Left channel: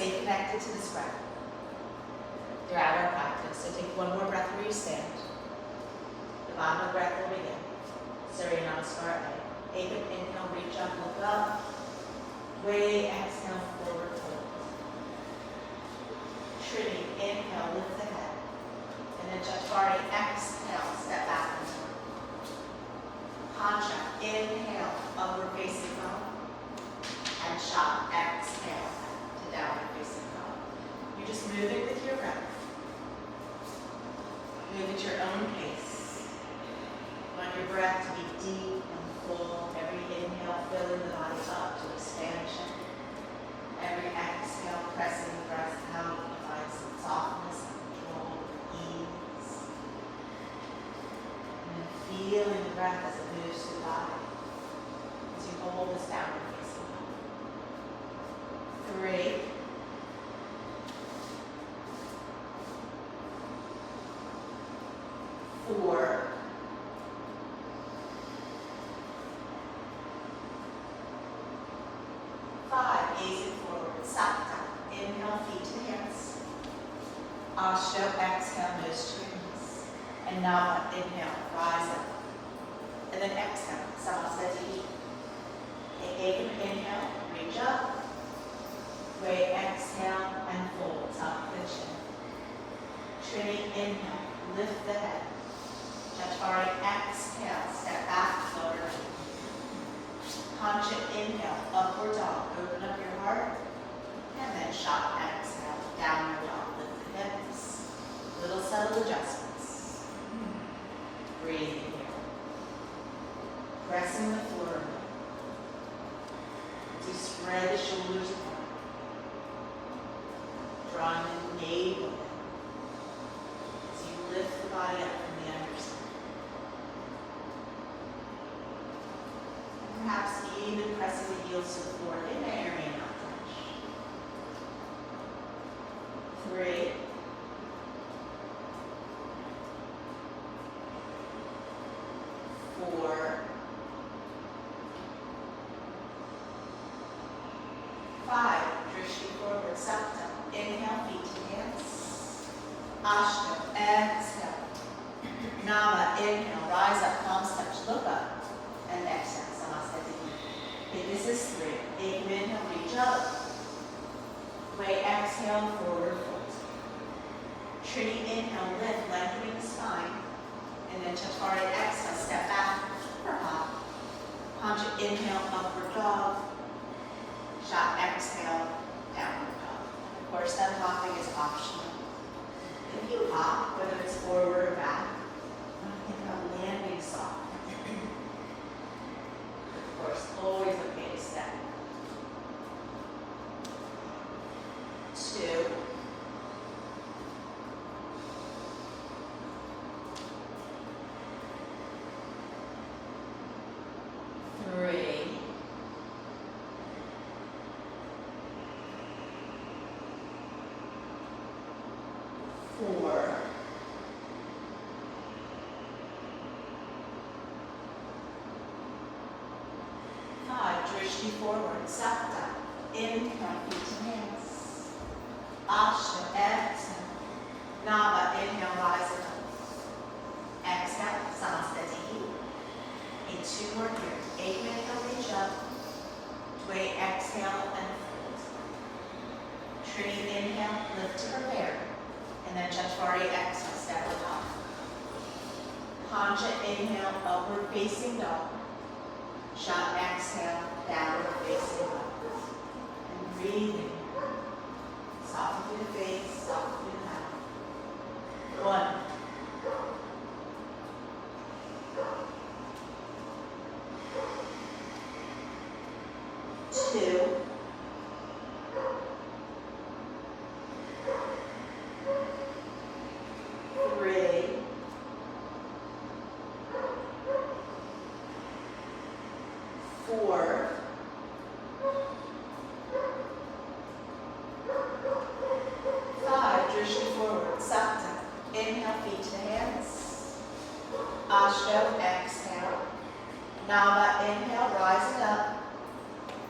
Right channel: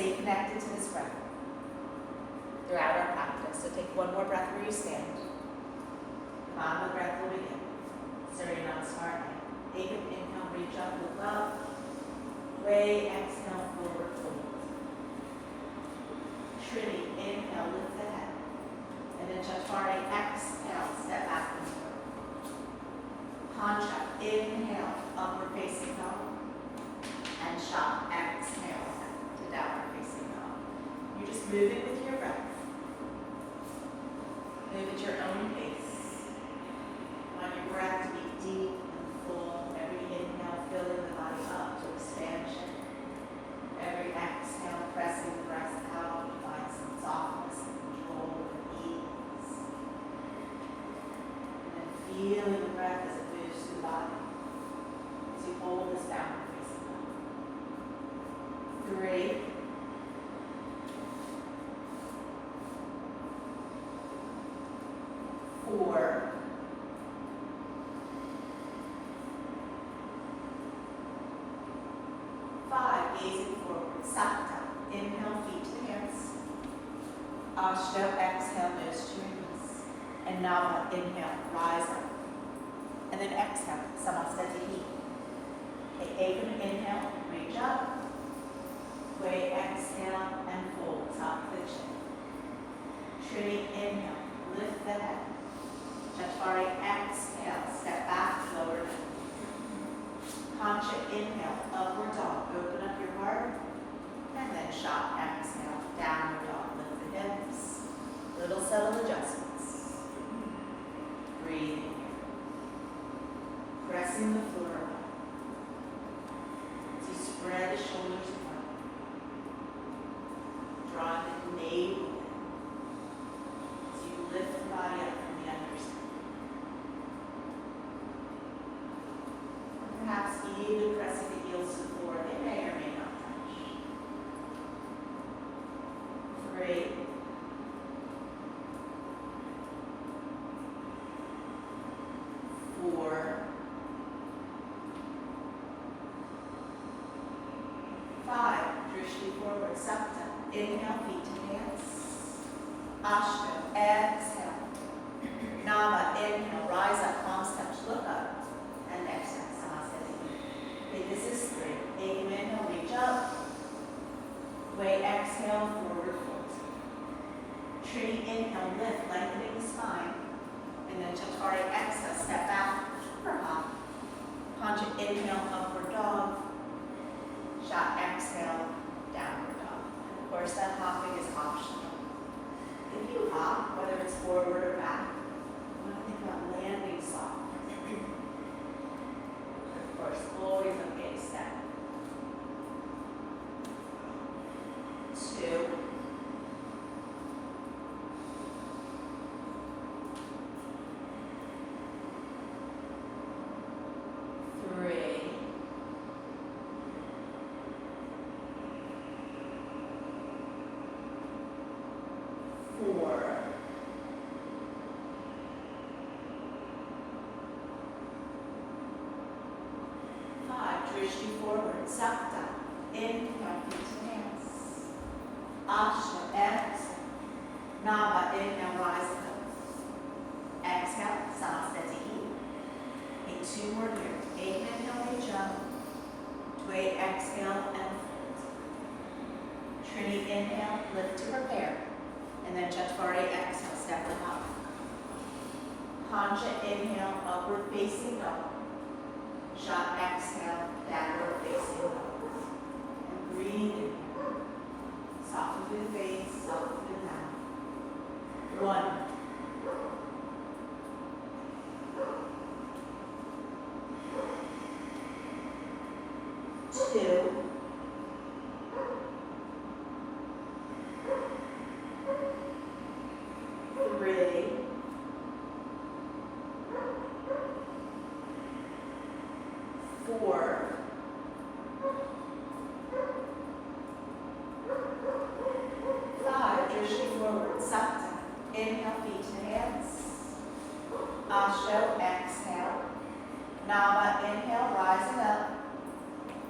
stay connected to this breath throughout our practice. So take one more breath where you stand. The bottom of the breath will begin. Surya Namaskar. Take an inhale, reach up, look up. Way, exhale, forward fold. Trinity, inhale, lift the head. And then Chaturanga, exhale, step back and forward. Pancha, inhale, upward facing dog. And Shaka, exhale, to downward facing dog. You're just moving with your breath. Move at your own pace. You want your breath to be deep and full. Every inhale, filling the body up to expansion. Every exhale, pressing the breath out, provide some softness and control and ease. And then feeling the breath as it moves through the body. As you hold this downward facing dog. 3. 4. 5, gazing forward, Sakta, inhale, feet to the hands. Ashto, exhale, nose to your knees. And Nava, inhale, rise up. And then exhale, Samasthiti. Ekam, inhale, reach up. Way, exhale, and fold, top of the chin. Trinity, inhale, lift the head. Chaturanga, exhale, step back, lower down. Pancha, inhale, upward dog, open up your heart. And then Shaka, exhale, downward dog, lift the hips. Little subtle adjustments. Breathing here. Pressing the floor. As you spread the shoulders apart. Drawing the navel in. As you lift the body up from the underside. Perhaps even pressing the heels to the floor. They may or may not touch. 3. 4. 5. Drishti forward, Sakta. Inhale, feet to hands. Ashta, exhale. Nama, inhale, rise up, palms touch, look up. And exhale. Okay, this is 3. Inhale, reach up. Way, exhale, forward fold. Trinity, inhale, lift, lengthening the spine. And then Chaturanga, exhale, step back, or hop. Pancha, inhale, upward dog. Shaka, exhale, downward dog. Of course, that hopping is optional. If you hop, whether it's forward or back, think about landing soft. Of course, always okay to step. 2. 3. 4. 5. Drishti forward, Sakta. Inhale, feet to hands. Ashta, exhale. Nava, inhale, rise up. Exhale, Samasthiti. And 2 more here. Inhale, reach up. Way, exhale, and fold. Trinity, inhale, lift to prepare. And then Chaturanga, exhale, step up. Pancha, inhale, upward facing dog. Shaka, exhale, downward facing dog. And breathing. Soften through the face, soften through the mouth. 1. 2. 3. 4. 5. Drishti forward, Sakta. Inhale, feet to hands. Ashto, exhale. Nava, inhale, rising up.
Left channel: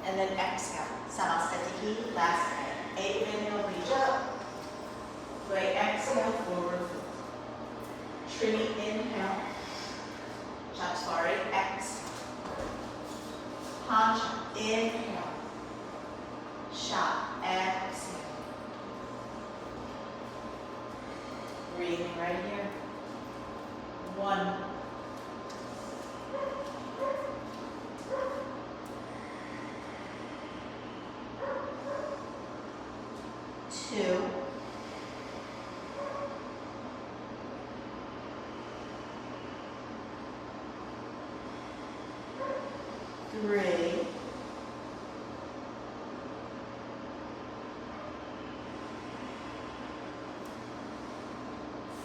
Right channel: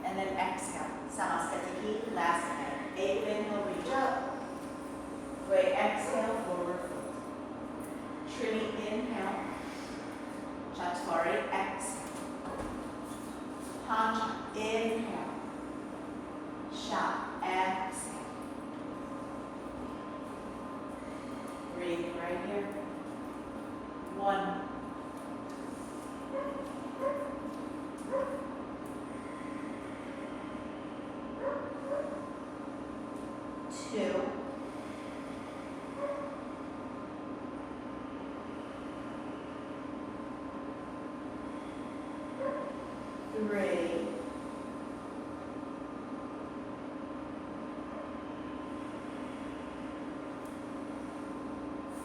And then exhale. Samasthiti, last head. 8 minutes. Great, exhale, forward fold. Trini, inhale. Chaturanga, exhale. Pancha, inhale. Shat, exhale. Breathing right here. 1. 2. 3.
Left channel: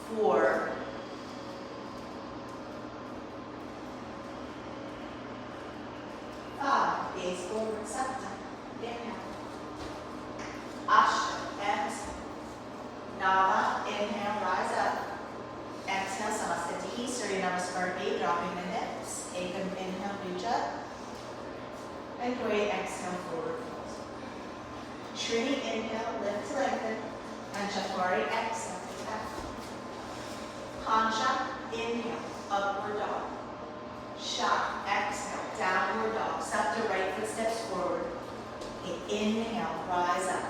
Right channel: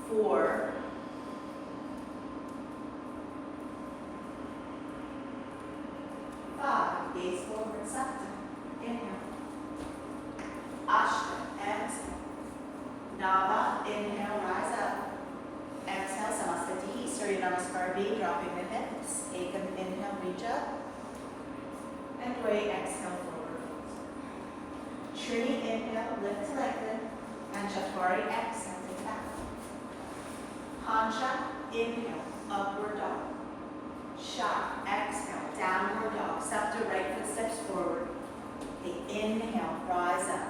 4. 5. Gaze forward, septum. Inhale. Ashtanga, exhale. Nava, inhale, rise up. Exhale, Samastitihi, Surya Namaskar B, dropping the hips. Ekam, inhale, reach up. And great, exhale, forward fold. Trini, inhale, lift to lengthen. And Chaturanga, exhale, take back. Pancha, inhale, upward dog. Shat, exhale, downward dog. Sapta, right foot steps forward. Okay, inhale, rise up.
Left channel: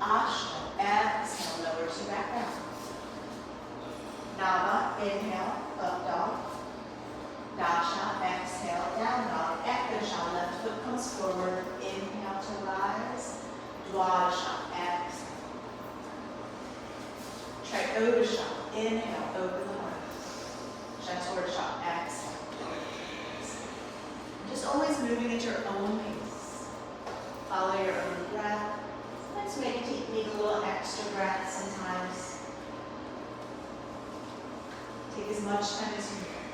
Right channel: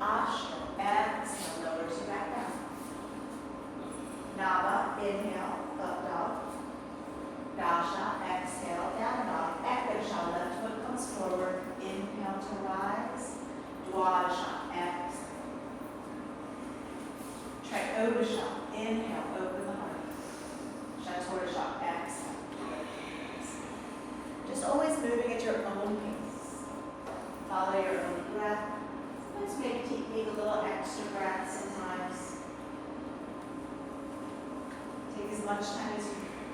Ashtanga, exhale, lower to back down. Nava, inhale, up dog. Dasha, exhale, down dog. Ekasha, left foot comes forward. Inhale to rise. Dwadasha, exhale. Trikodasha, inhale, over the heart. Chaturanga, exhale. Just always moving at your own pace. Follow your own breath. Sometimes make a little extra breath sometimes. Take as much time as you can.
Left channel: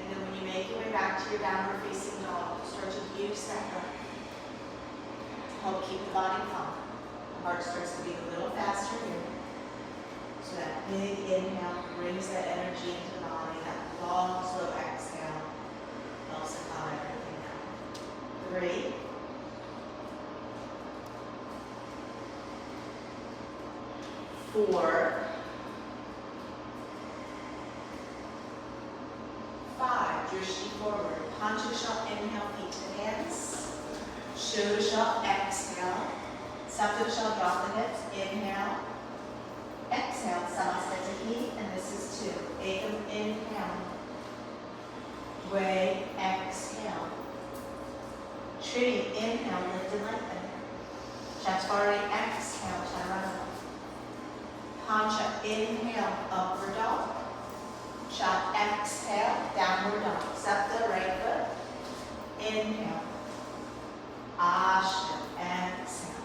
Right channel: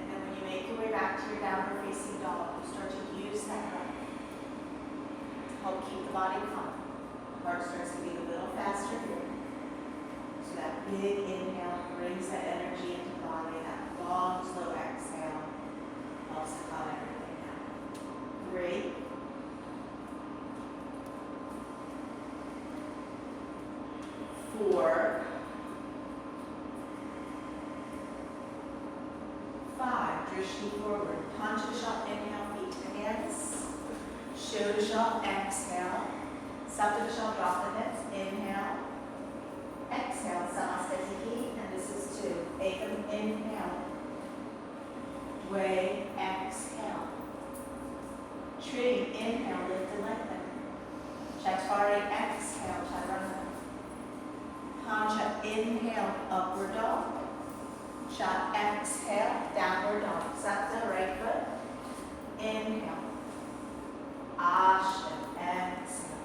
And then when you make your way back to your downward facing dog, you start to use that breath to help keep the body calm. The heart starts to beat a little faster here. So that big inhale brings that energy into the body. That long, slow exhale helps to calm everything down. 3. 4. 5. Drishti forward. Panchasha, inhale, feet to the hands. Shodasha, exhale. Saptasha, drop the hips. Inhale. Exhale, Samastitihi, and this is 2. Ekam, inhale. Dve, exhale. Trini, inhale, lift and lengthen. Chaturanga, exhale, Chaturanga. Pancha, inhale, upward dog. Shat, exhale, downward dog. Sapta, right foot. Inhale. Ashtanga, exhale.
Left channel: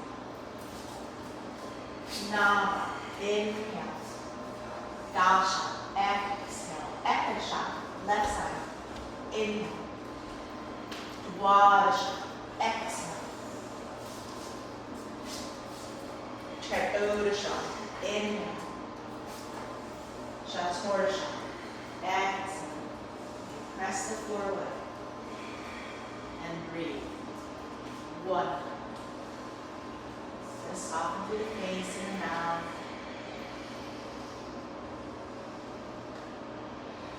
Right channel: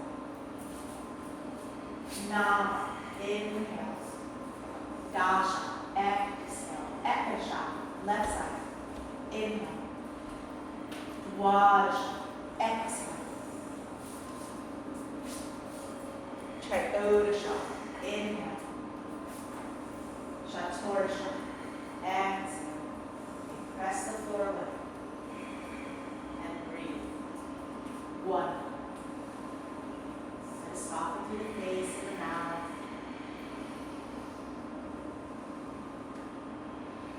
Nava, inhale. Dasha, exhale. Ekasha, left side. Inhale. Dwadasha, exhale. Trikodasha, inhale. Chaturanga, exhale. Press the floor away. And breathe. 1. Just soften through the face and the mouth.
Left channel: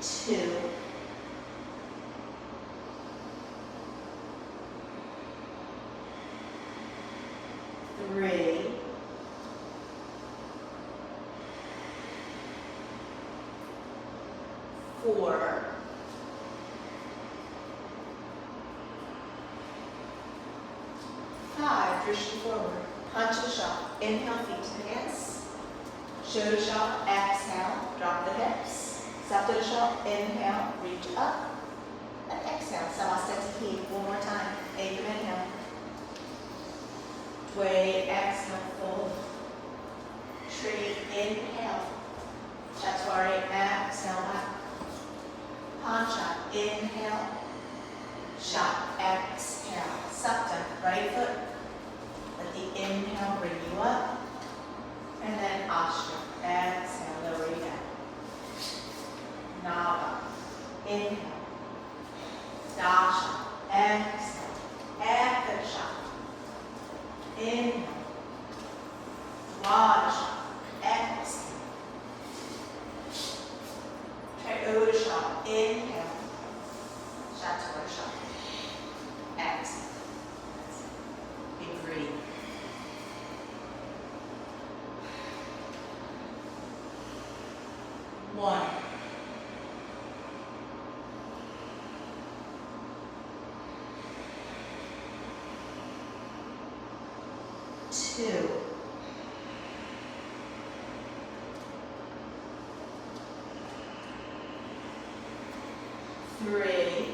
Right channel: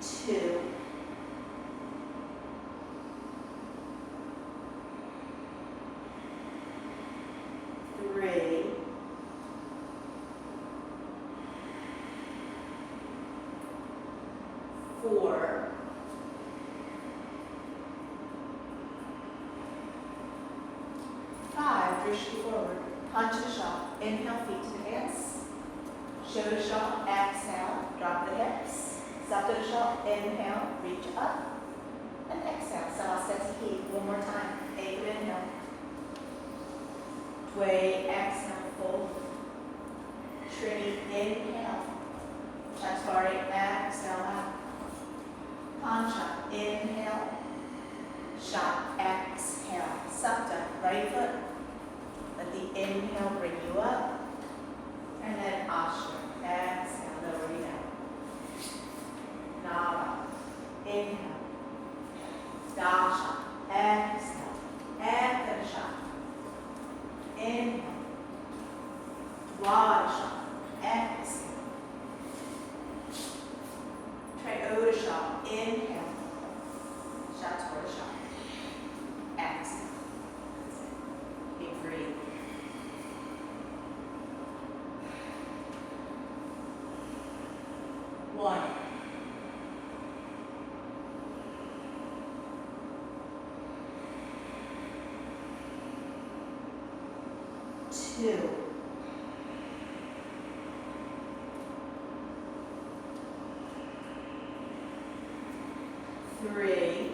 2. 3. 4. 5. Drishti forward. Panchasha, inhale, feet to the hands. Shodasha, exhale, drop the hips. Saptasha, inhale, reach up. And exhale, Samastitihi. One more time. Ekam, inhale. Dve, exhale, fold. Trini, inhale. Chaturanga, exhale, back. Pancha, inhale. Shat, exhale. Sapta, right foot. Let the inhale bring you up. And then Ashtanga, exhale, lower you down. Nava, inhale. Dasha, exhale. 2, 3,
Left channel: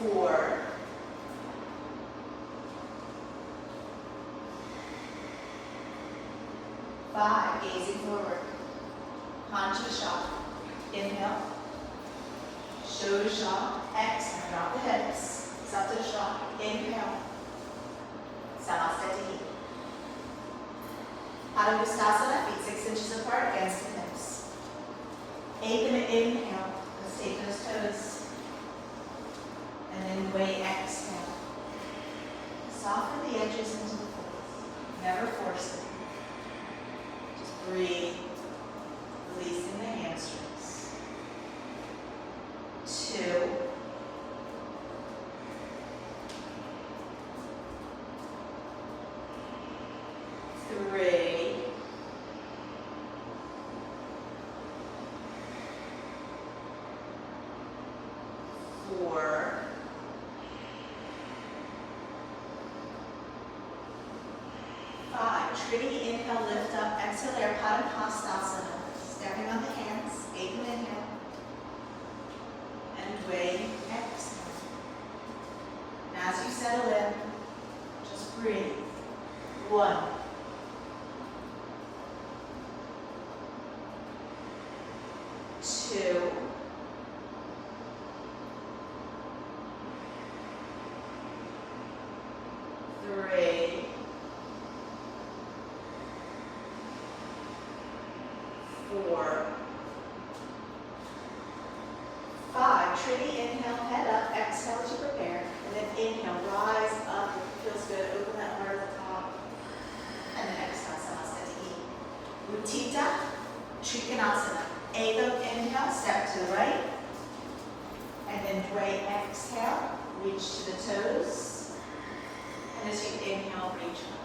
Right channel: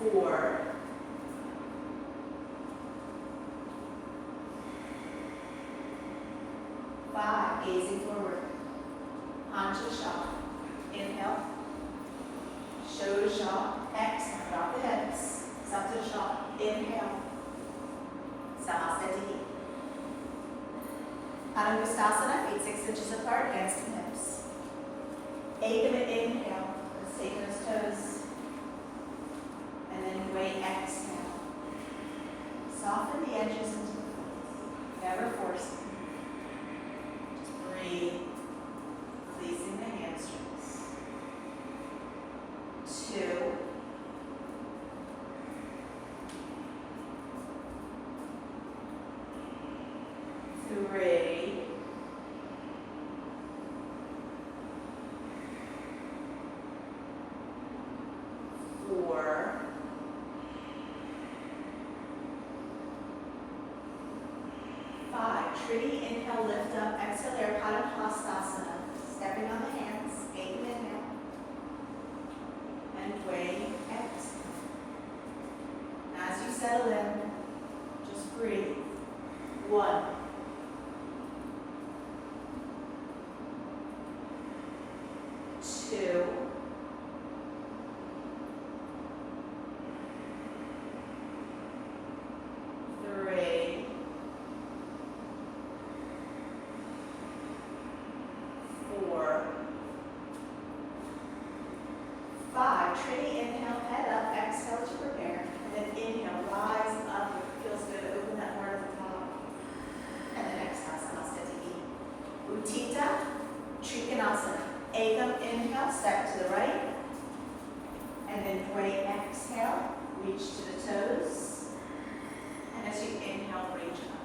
4, 5, gazing forward, haunches shot, inhale, shoulder shot, exhale, drop the hips, Sapta shot, inhale, Samasthiti. Padangusthasana, feet 6 inches apart, hands to hips. 8-minute inhale, let's take those toes. And then way exhale. Soften the edges into the foot. Never force them. Just breathe, releasing the hamstrings. 2, 3, 4, 5. Trinity, inhale, lift up, exhale, air Padangusthasana. Stepping on the hands, 8-minute inhale. And way exhale. As you settle in, just breathe. 1, 2, 3, 4, 5. Trinity, inhale, head up, exhale as you prepare. And then inhale, rise up, if it feels good, open that heart at the top. And then exhale, Samasthiti. Utthita Trikonasana. Ekam, inhale, step to the right. And then Dvay, exhale, reach to the toes. And as you inhale, reach up.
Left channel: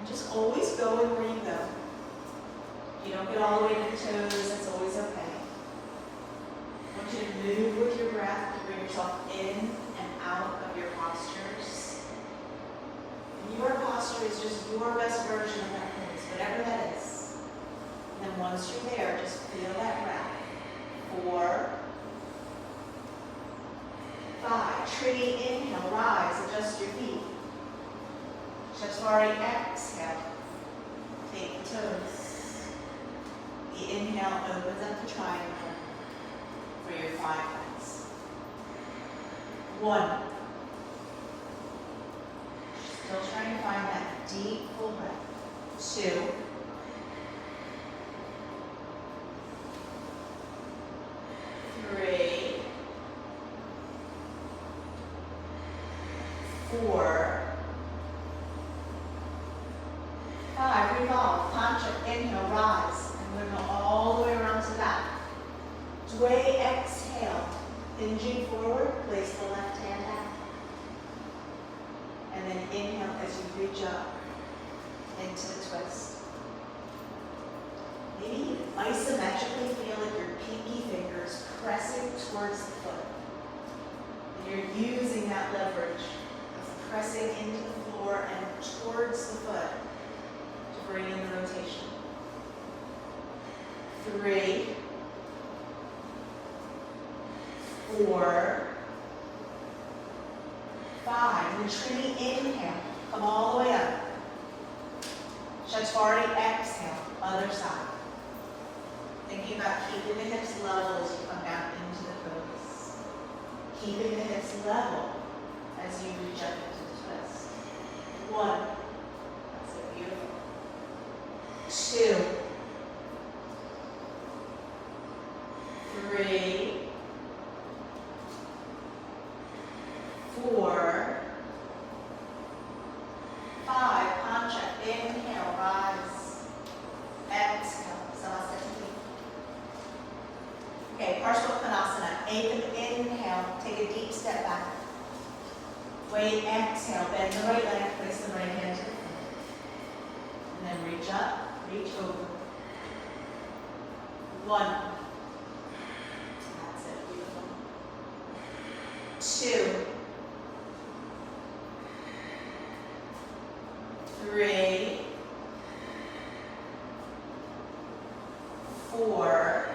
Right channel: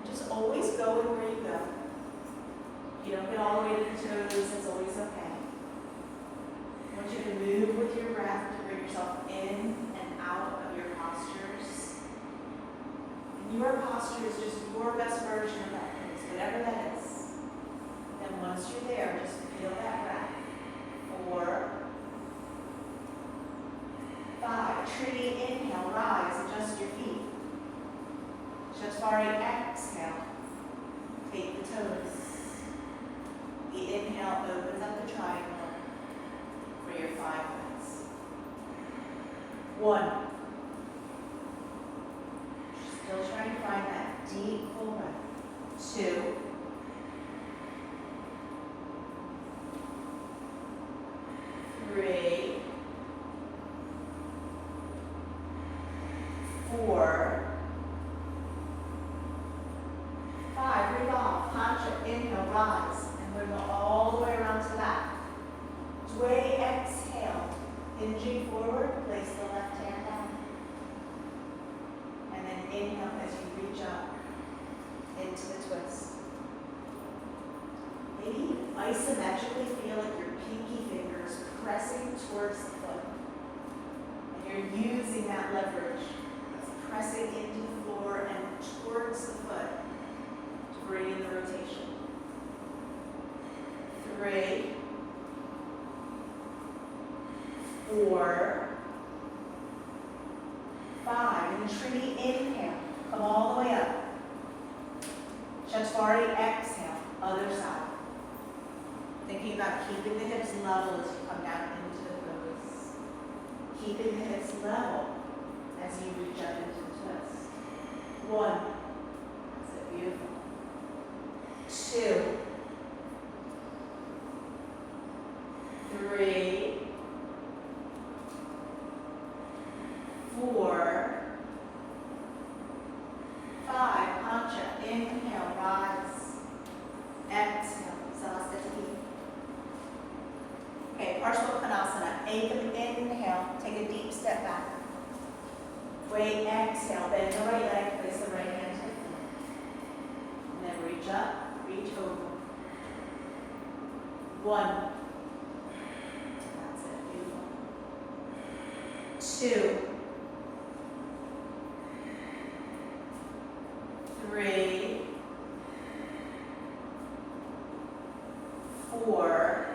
And just always go with where you go. If you don't get all the way to the toes, that's always okay. I want you to move with your breath to bring yourself in and out of your postures. And your posture is just your best version of that place, whatever that is. And then once you're there, just feel that breath. 4, 5. Trinity, inhale, rise, adjust your feet. Chaturanga, exhale. Take the toes. The inhale opens up the triangle for your 5 minutes. 1. Still trying to find that deep full breath. 2. 3. 4. 5. Revolve. Tantra. Inhale. Rise. And we're going to go all the way around to that. Dvay, exhale. Hinging forward. Place the left hand down. And then inhale as you reach up into the twist. Maybe isometrically feel like your pinky fingers pressing towards the foot. And you're using that leverage of pressing into the floor and towards the foot to bring in the rotation. 3, 4, 5. And Trinity, inhale. Come all the way up. Chaturanga, exhale. Other side. Thinking about keeping the hips level as you come down into the pose. Keeping the hips level as you reach up into the twist. 1. That's it, beautiful. 2. 3. 4. 5. Pancha. Inhale, rise. Exhale. Samasthiti. Okay, Parsvakonasana. Inhale, take a deep step back. Wait, exhale, bend the right leg, place the right hand to the floor. And then reach up, reach over. 1, 2, 3, 4,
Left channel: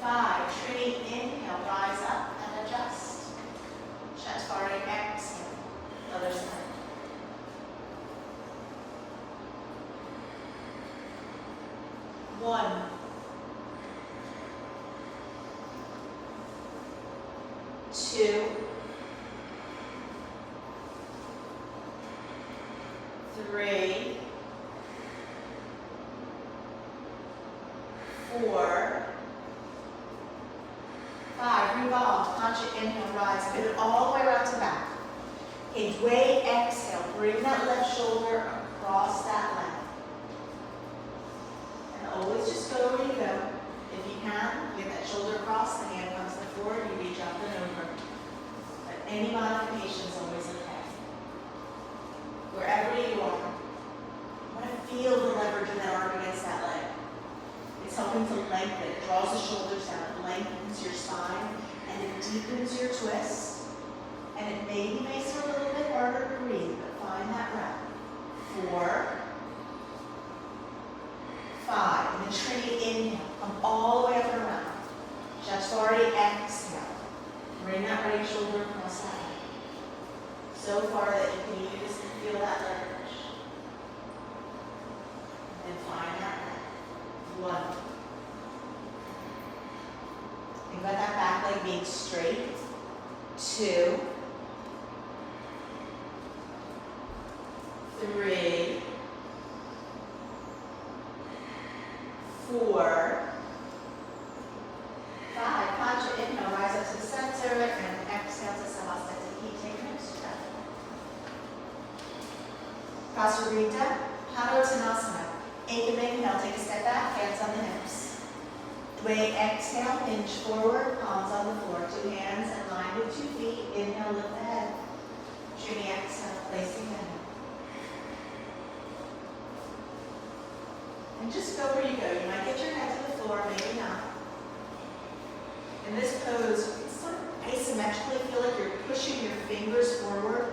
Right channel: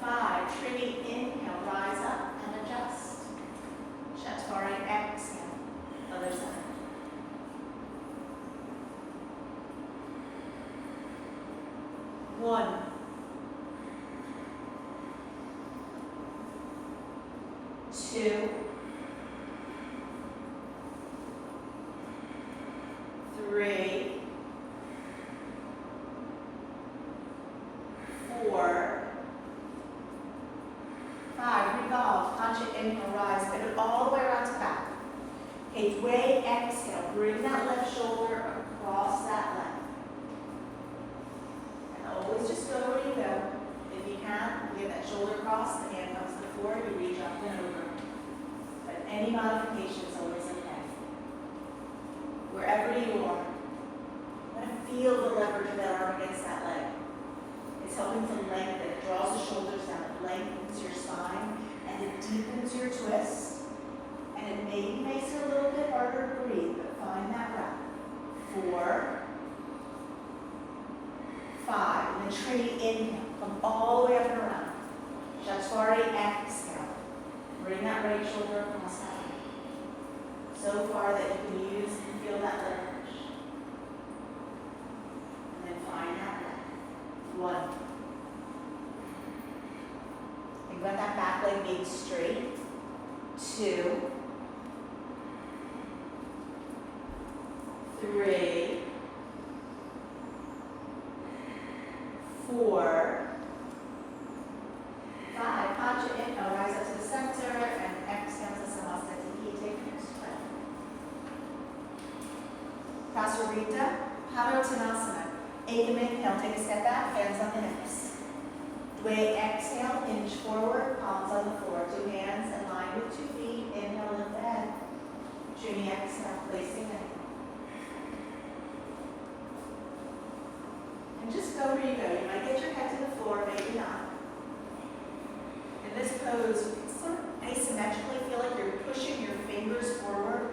5. Trini, inhale, rise up and adjust. Chaturanga, exhale. Other side. 1, 2, 3, 4, 5. Revolve. Conscious inhale, rise. Pivot all the way around to back. Okay, Dway, exhale. Bring that left shoulder across that leg. And always just go where you go. If you can, get that shoulder across, the hand comes to the floor, you reach up and over. But any modification is always okay. Wherever you are, you want to feel the leverage of that arm against that leg. It's helping to lengthen. It draws the shoulders down, lengthens your spine, and it deepens your twist. And it maybe makes it a little bit harder to breathe, but find that breath. 4, 5. And then Trini, inhale. Come all the way up and around. Chaturanga, exhale. Bring that right shoulder across that leg. So far that you can use and feel that leverage. And find that breath. 1. Think about that back leg being straight. 2, 3, 4, 5. Concha, inhale, rise up to the center, and exhale to Samastiti. Take your next breath. Prasarita, Padottanasana. Inhale, take a step back, hands on the hips. Dway, exhale, hinge forward, palms on the floor. 2 hands in line with 2 feet. Inhale, lift the head. Trini, exhale, placing the head. And just go where you go. You might get your head to the floor, maybe not. In this pose, it's sort of asymmetrically feel like you're pushing your fingers forward,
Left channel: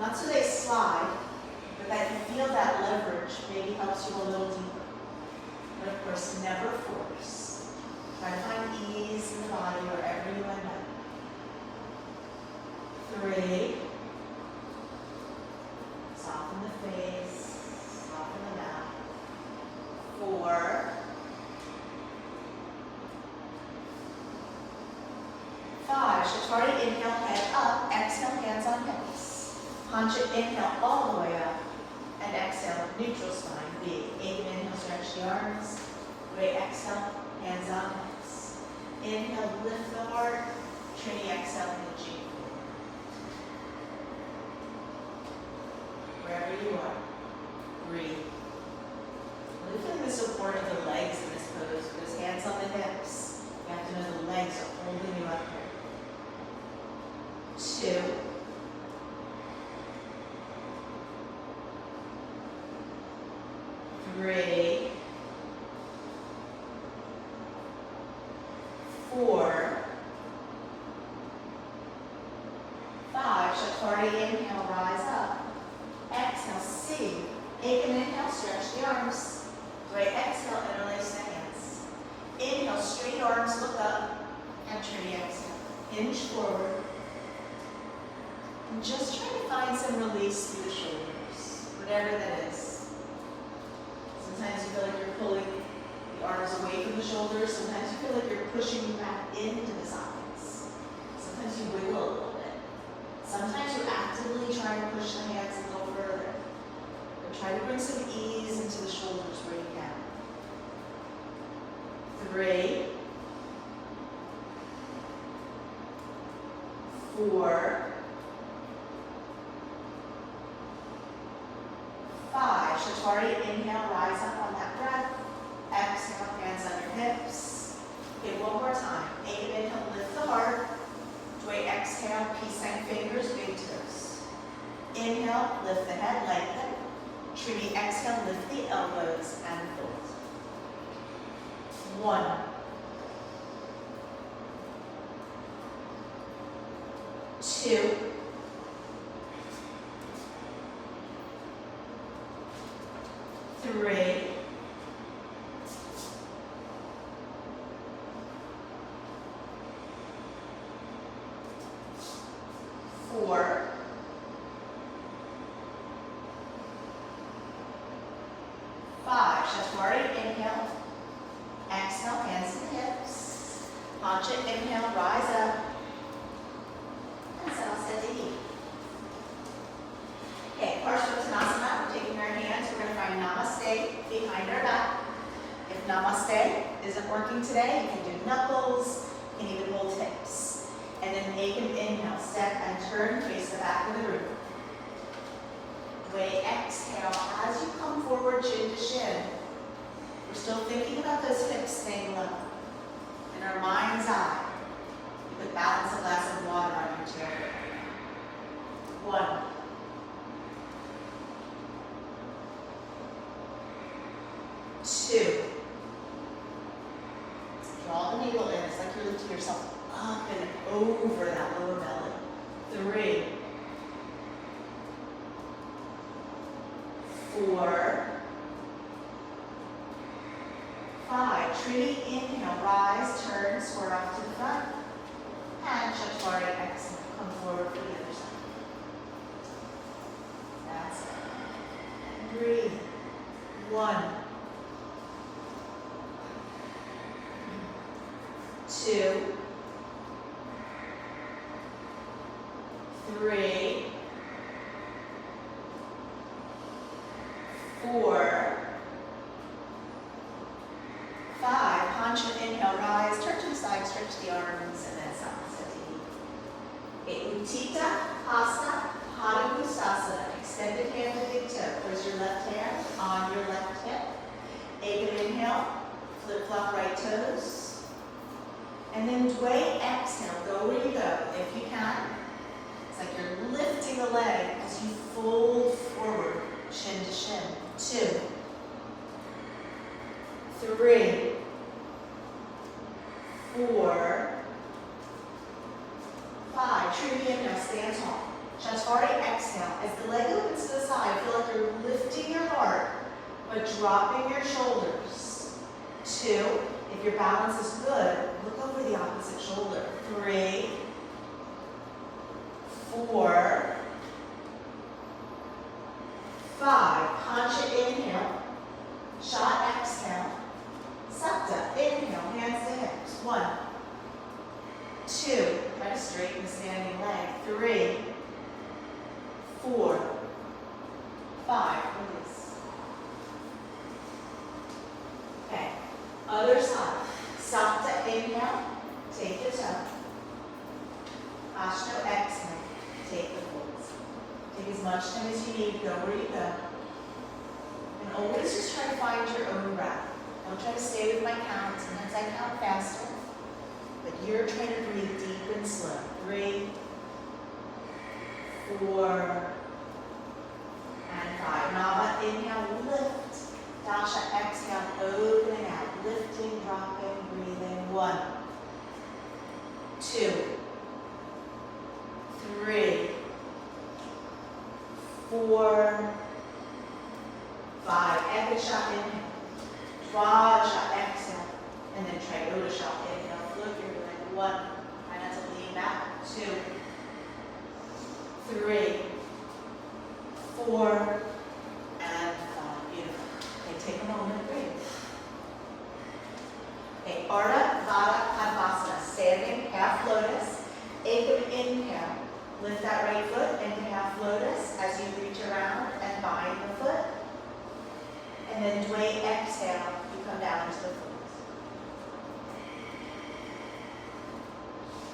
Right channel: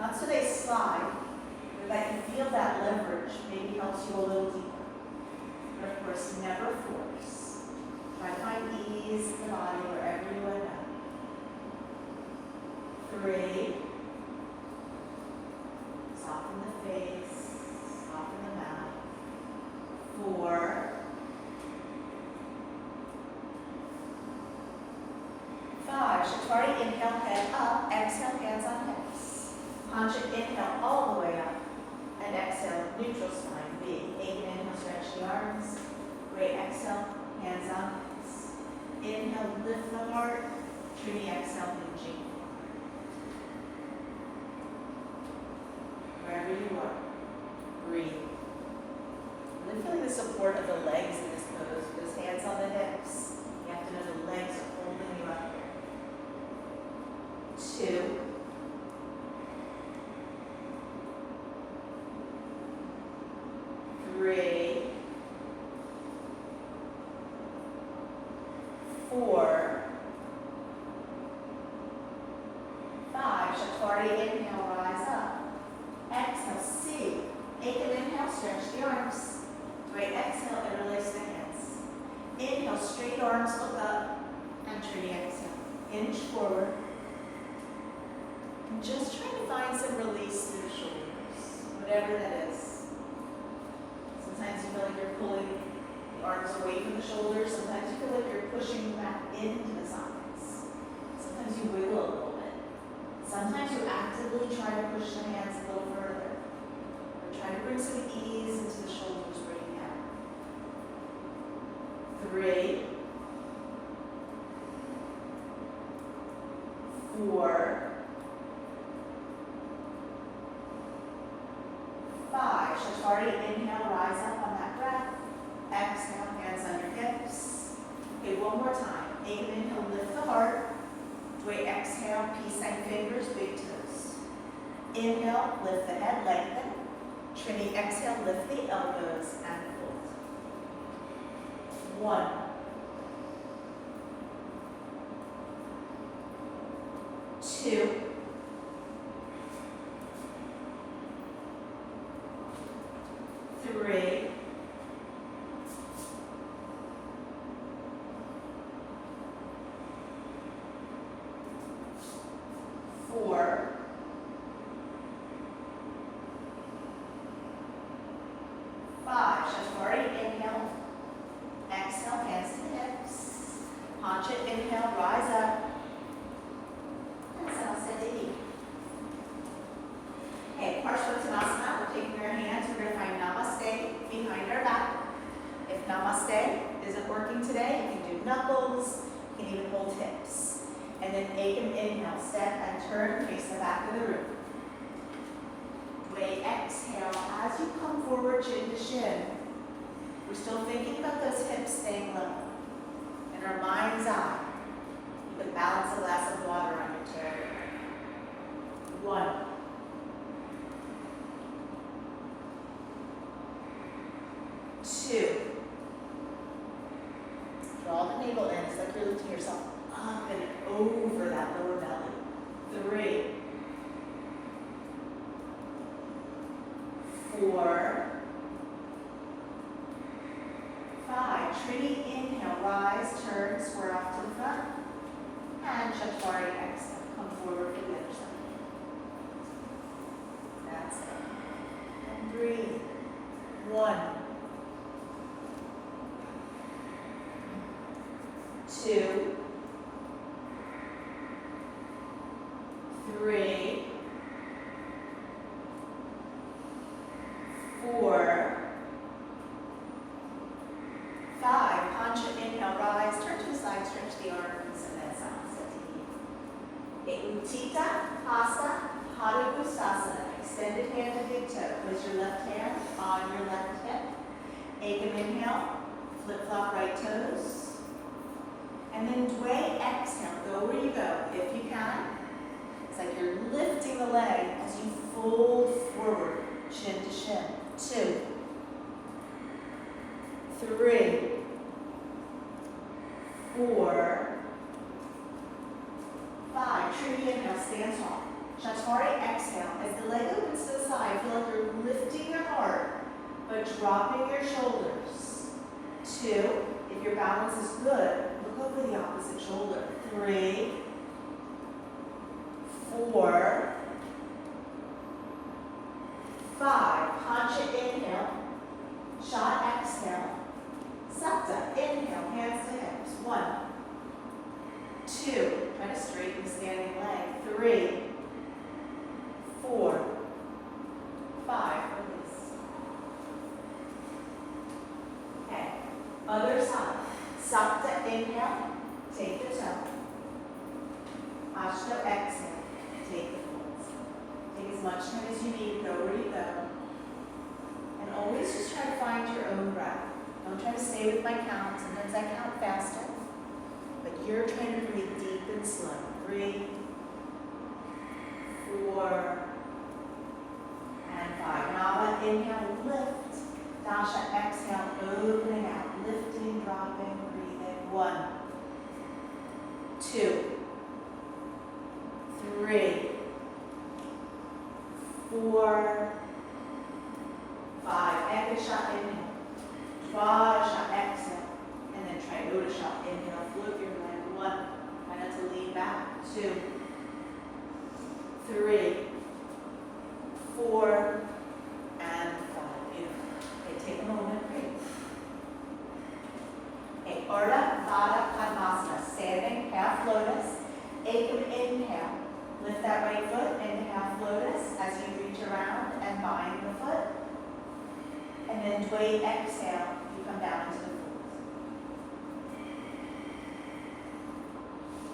not so they slide, but that you feel that leverage maybe helps you a little deeper. But of course, never force. Try to find ease in the body wherever you end up. 3. Soften the face, soften the mouth. 4. 5. Chaturanga, inhale, head up. Exhale, hands on hips. Pancha, inhale all the way up. And exhale, neutral spine, B. Inhale, stretch the arms. Wait, exhale, hands on hips. Inhale, lift the heart. Trini, exhale, G. Wherever you are, breathe. Look at the support of the legs in this pose. With hands on the hips, you have to know the legs are holding you up here. 2. 3. 4. 5. Chaturanga, inhale, rise up. Exhale, C. Take an inhale, stretch the arms. Wait, exhale, interlace the hands. Inhale, straight arms, look up. And Trini, exhale. Hinge forward. And just try to find some release through the shoulders, whatever that is. Sometimes you feel like you're pulling the arms away from the shoulders. Sometimes you feel like you're pushing back into the sides. Sometimes you wiggle a little bit. Sometimes you actively try to push the hands a little further. But try to bring some ease into the shoulders where you can. 3. 4. 5. Chaturanga, inhale, rise up on that breath. Exhale, hands under hips. Okay, one more time. Take an inhale, lift the heart. Dway, exhale, peace and fingers, big toes. Inhale, lift the head, lengthen. Trini, exhale, lift the elbows and fold. 1. 2, 3, 4, 5. Chaturanga, inhale. Exhale, hands and hips. Haunch it, inhale, rise up. And Samasthiti. Okay, Parshvottanasana, we're taking our hands, we're going to find Namaste behind our back. If Namaste isn't working today, you can do knuckles, you can even hold hips. And then Ekam, inhale, step and turn, face the back of the room. Way exhale, as you come forward, chin to shin. We're still thinking about those hips staying low. In our mind's eye, you could balance a glass of water on your chair. 1. 2. Draw the navel in. It's like you're lifting yourself up and over that lower belly. 3. 4. 5. Trinity, inhale, rise, turn, square up to the front. And Chaturanga, exhale, come forward for the other side. That's it. And breathe. 1, 2, 3, 4, 5. Haunch it, inhale, rise, turn to the side, stretch the arms, and then Samasthiti. Okay, Utthita Hasta Pada Gusasana. Extended hand to big toe. Place your left hand on your left hip. Ekam, inhale, flip flop right toes. And then Dway, exhale, go where you go, if you can. It's like you're lifting the leg as you fold forward, chin to shin. 2, 3, 4, 5. Trinity, inhale, stand tall. Chaturanga, exhale. As the leg opens to the side, feel like you're lifting your heart, but dropping your shoulders. 2, if your balance is good, look over the opposite shoulder. 3, 4, 5. Haunch it, inhale. Shot, exhale. Supta, inhale, hands to hips. 1, 2, try to straighten the standing leg. 3, 4, 5, release. Okay, other side. Supta, inhale, take your toe. Ashto, exhale, take the folds. Take as much time as you need, go where you go. And always just try to find your own breath. Don't try to stay with my count. Sometimes I count faster. But you're trying to breathe deep and slow. 3, 4, and 5. Nava, inhale, lift. Dasha, exhale, opening out. Lifting, dropping, breathing. 1, 2, 3, 4, 5. Ekasha, inhale. Swaja, exhale. And then Triodasha, inhale. Float your leg. 1. Try not to lean back. 2, 3, 4, and 5. Beautiful. Okay, take a moment, breathe. Okay, Ardha Vada Padmasana. Standing, half lotus. Ekam, inhale. Lift that right foot into half lotus as you reach around and bind the foot. And then Dway, exhale. You come down to the fold.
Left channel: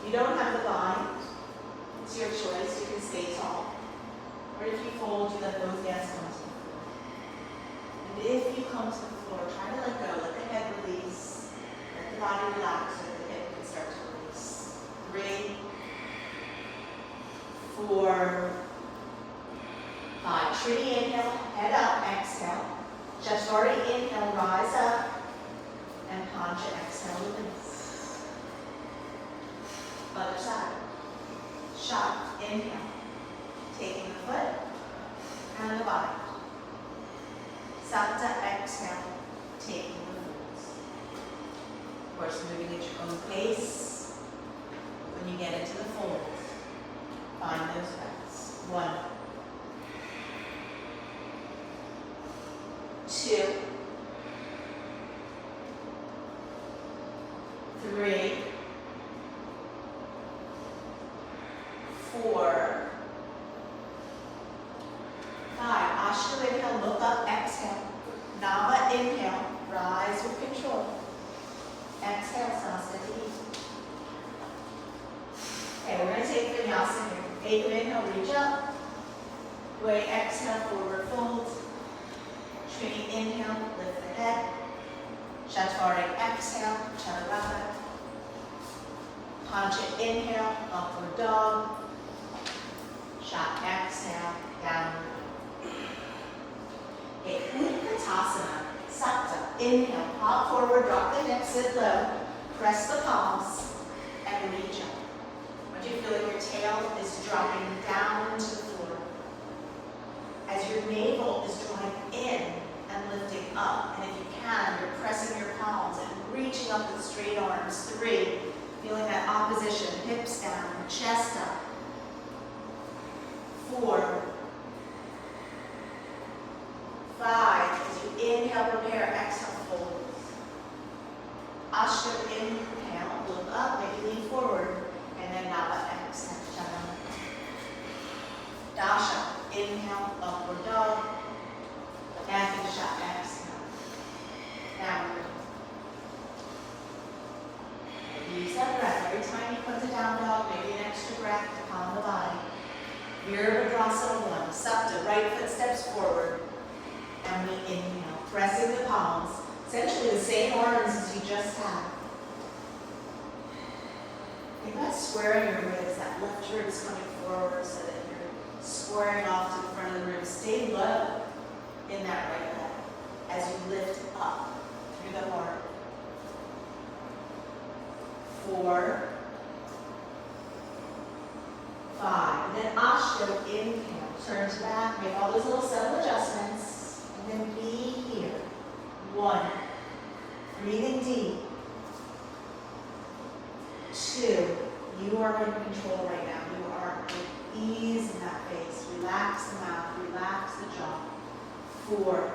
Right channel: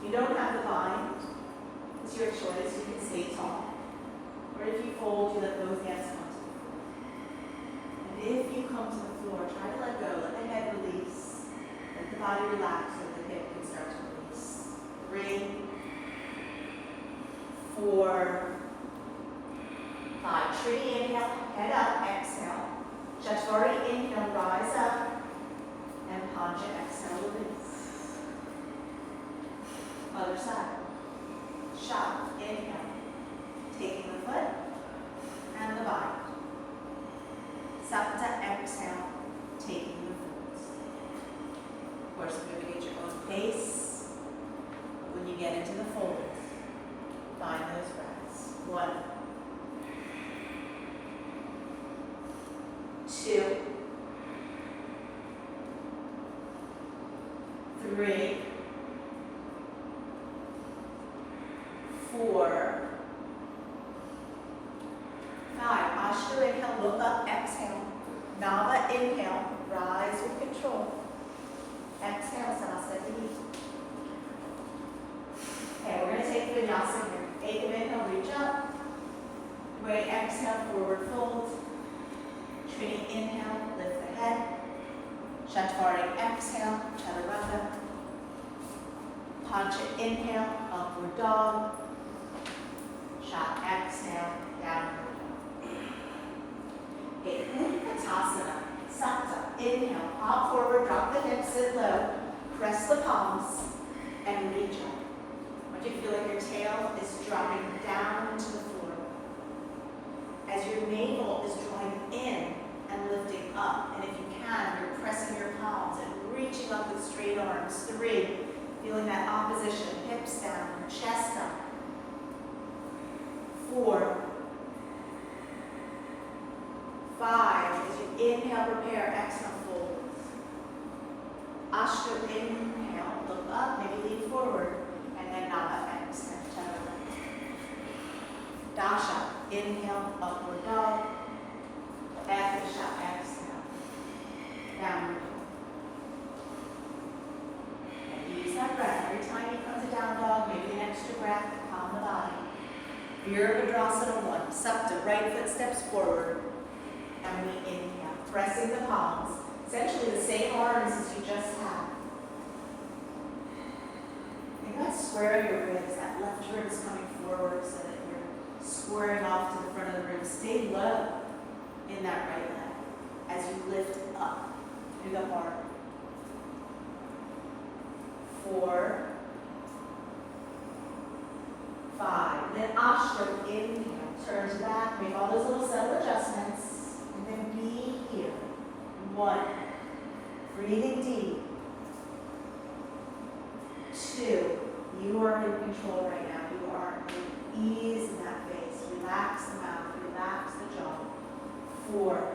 You don't have to bind. It's your choice. You can stay tall. Or if you fold, you let both hands come to the floor. And if you come to the floor, try to let go. Let the head release. Let the body relax so the hip can start to release. 3, 4, 5. Trinity, inhale, head up, exhale. Chaturanga, inhale, rise up. And Pancha, exhale, release. Other side. Shot. course, moving at your own pace. When you get into the fold, find those breaths. 1, 2, 3, 4, 5. Ashtanga inhale, look up, exhale. Nava inhale, rise with control. Exhale, Sanasati. Okay, we're going to take vinyasa here. 8 inhale, reach up. Way, exhale, forward fold. Training inhale, lift the head. Shatvari exhale, Chaturanga. Pancha inhale, upward dog. Shat exhale, downward. Okay, Utkatasana, Sakta. Inhale, hop forward, drop the hips, sit low. Press the palms, and reach up. Once you feel like your tail is dropping down to the floor, as your navel is drawing in and lifting up, and if you can, you're pressing your palms and reaching up with straight arms. 3, feeling that opposition, hips down, chest up. 4, 5, as you inhale, prepare, exhale, fold. Ashtanga inhale, look up, make a lean forward, and then Nava exhale, Chaturanga. Dasha, inhale, upward dog. Dasha, exhale, downward. And use that breath. Every time you come to down dog, maybe an extra breath to calm the body. Virabhadrasana 1, Supta, right foot steps forward. And we inhale, pressing the palms, essentially the same arms as you just had. Think about squaring your ribs, that left ribs coming forward so that you're squaring off to the front of the ribs. Stay low in that right leg as you lift up through the heart. 4, 5. Then Ashtanga, inhale, turn to back, make all those little subtle adjustments. And then be here. 1, breathing deep. 2, you are in control right now. You are at ease in that face. Relax the mouth, relax the jaw. 4,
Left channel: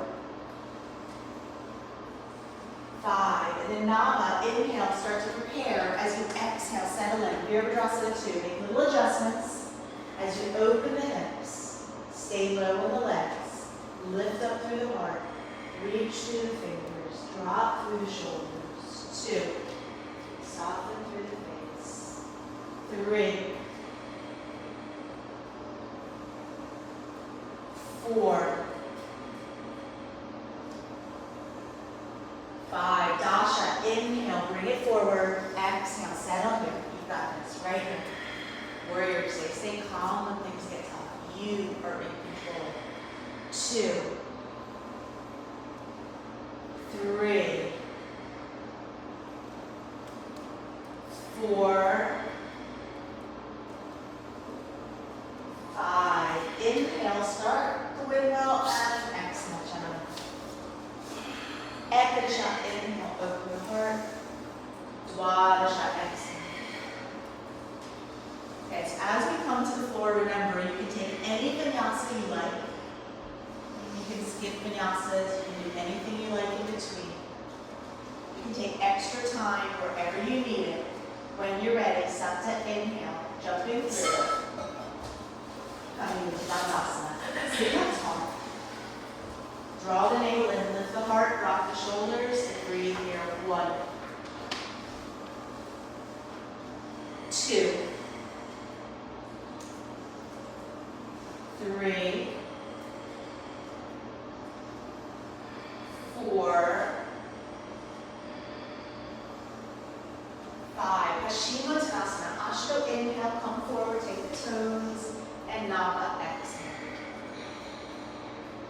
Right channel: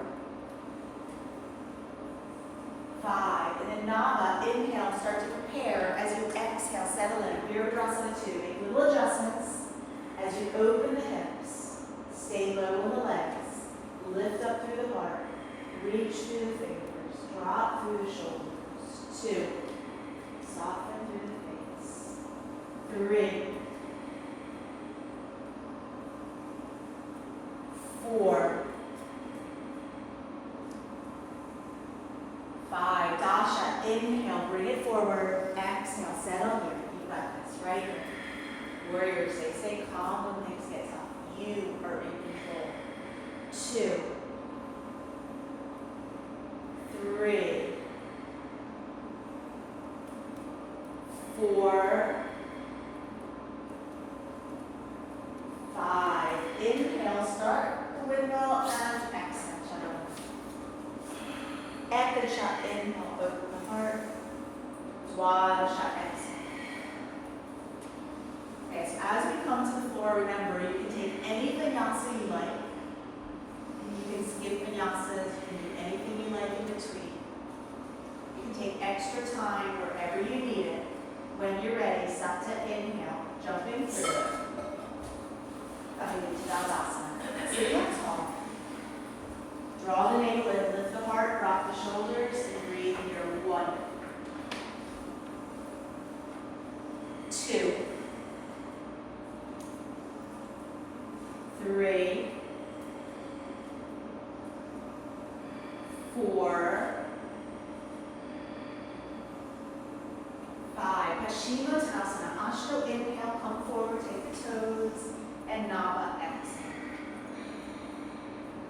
5, and then Nava, inhale, start to prepare. As you exhale, settle in. Virabhadrasana 2, make little adjustments. As you open the hips, stay low on the legs. Lift up through the heart, reach through the fingers, drop through the shoulders. 2, soften through the face. 3, 4, 5. Dasha, inhale, bring it forward. Exhale, settle here. You've got this, right here. Warrior, stay calm when things get tough. You are in control. 2, 3, 4, 5. Inhale, start the windmill and exhale, child. Ekadasha, inhale, open the heart. Dwadasha, exhale. Okay, so as we come to the floor, remember, you can take any vinyasa you like. You can skip vinyasas, you can do anything you like in between. You can take extra time wherever you need it. When you're ready, Sakta, inhale, jumping through it. Coming into Dandasana. Sit up tall. Draw the navel in, lift the heart, drop the shoulders, and breathe here. 1, 2, 3, 4, 5. Paschimottanasana. Ashtanga inhale, come forward, take the toes, and Nava exhale.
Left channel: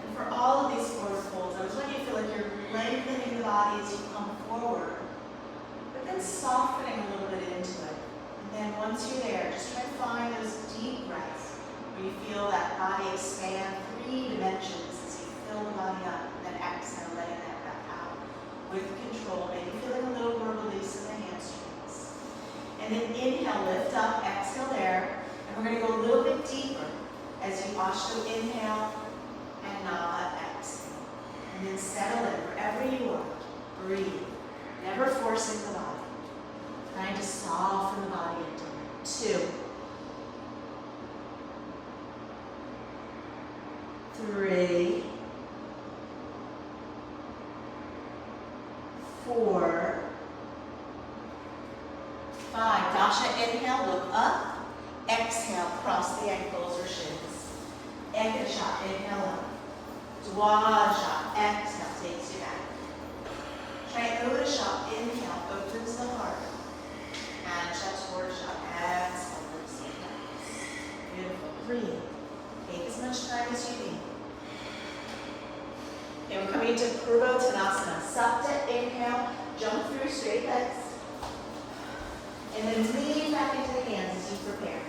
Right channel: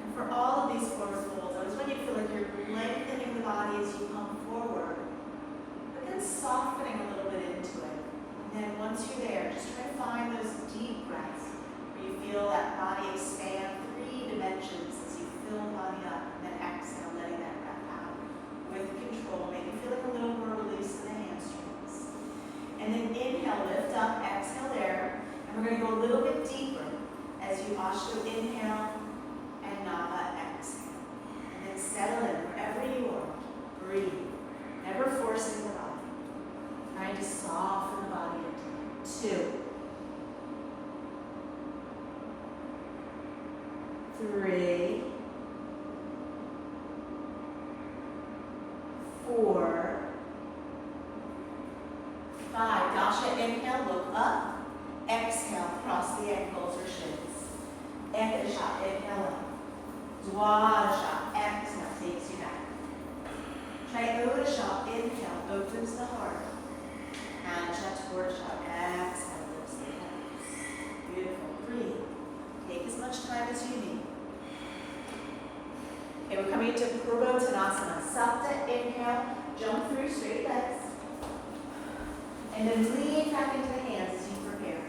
And for all of these forward folds, those when you feel like you're lengthening the body as you come forward, but then softening a little bit into it. And then once you're there, just try to find those deep breaths where you feel that body expand 3 dimensions as you fill the body up, and then exhale, letting that breath out with control. Maybe feeling a little more release in the We're going to go a little bit deeper as you Ashto inhale and Nava exhale. And then settle in wherever you are. Breathe. Never forcing the body. Trying to soften the body into it. 2, 3, 4, 5. Dasha, inhale, look up. Exhale, cross the ankles or shins. Ekasha, inhale up. Dwasha, exhale, takes you back. Triodasha, inhale, opens the heart. And Chaturasha, exhale, lifts the hands. Beautiful. Breathe. Take as much time as you need. Okay, we're coming to Purva Tanasana. Sapta, inhale, jump through straight legs. And then lean back into the hands as you prepare.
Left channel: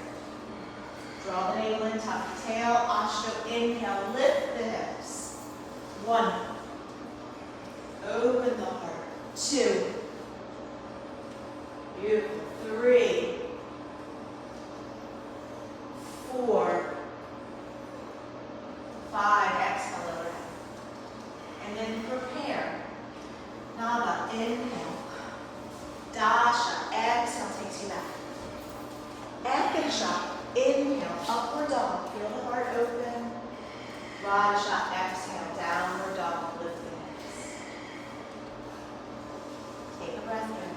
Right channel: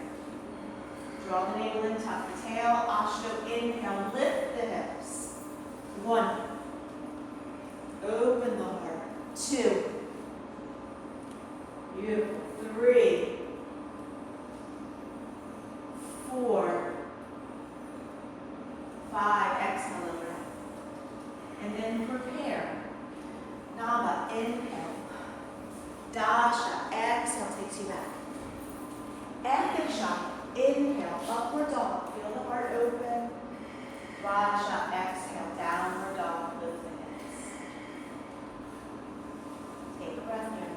Draw the navel in, tuck the tail. Ashto, inhale, lift the hips. 1. Open the heart. 2. Beautiful. 3. 4. 5. Exhale over. And then prepare. Naga, inhale. Dasha, exhale, takes you back. Ekasha, inhale, upward dog. Feel the heart open. Vajra, exhale, downward dog. Lift the hips. Take a breath in.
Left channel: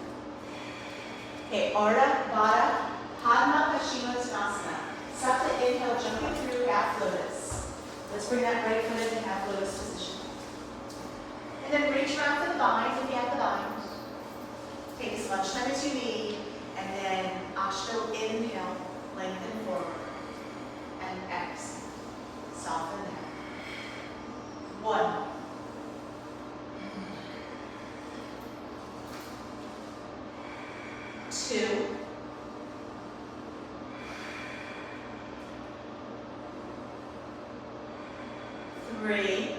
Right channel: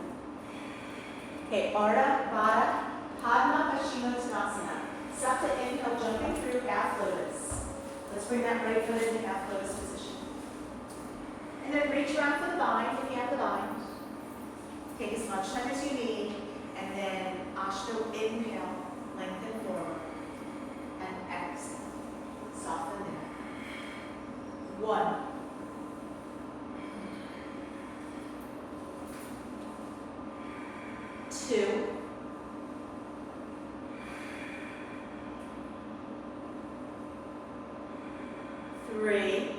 Okay, Ardha, Baddha, Padma, Paschimottanasana. Sapta, inhale, jumping through your half lotus. Let's bring that right foot into half lotus position. And then reach around for the bind if you have the bind. Take as much time as you need. And then Ashto, inhale, lengthen forward. And exhale. Soften there. 1. 2. 3.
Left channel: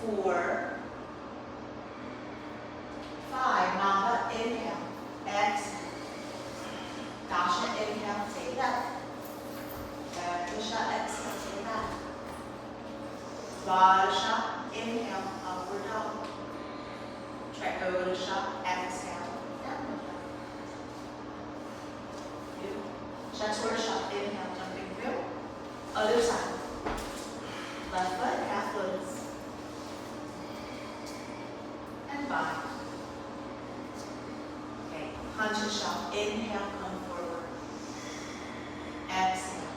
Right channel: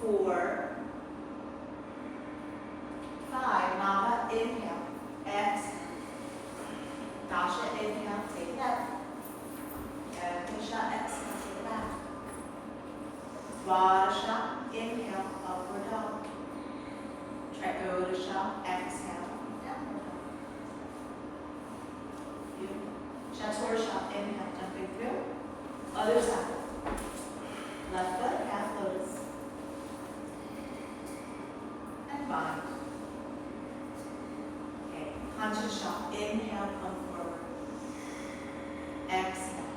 4. 5. Nava, inhale. Exhale. Dasha, inhale. Take it up. Ekasha, exhale. Take it back. Vajra, inhale. Upward dog. Triodasha, exhale. Downward dog. Beautiful. Chaturasha, inhale. Jumping through. Other side. Left foot, half lotus. And bind. Okay, Panchasha, inhale, come forward. Exhale.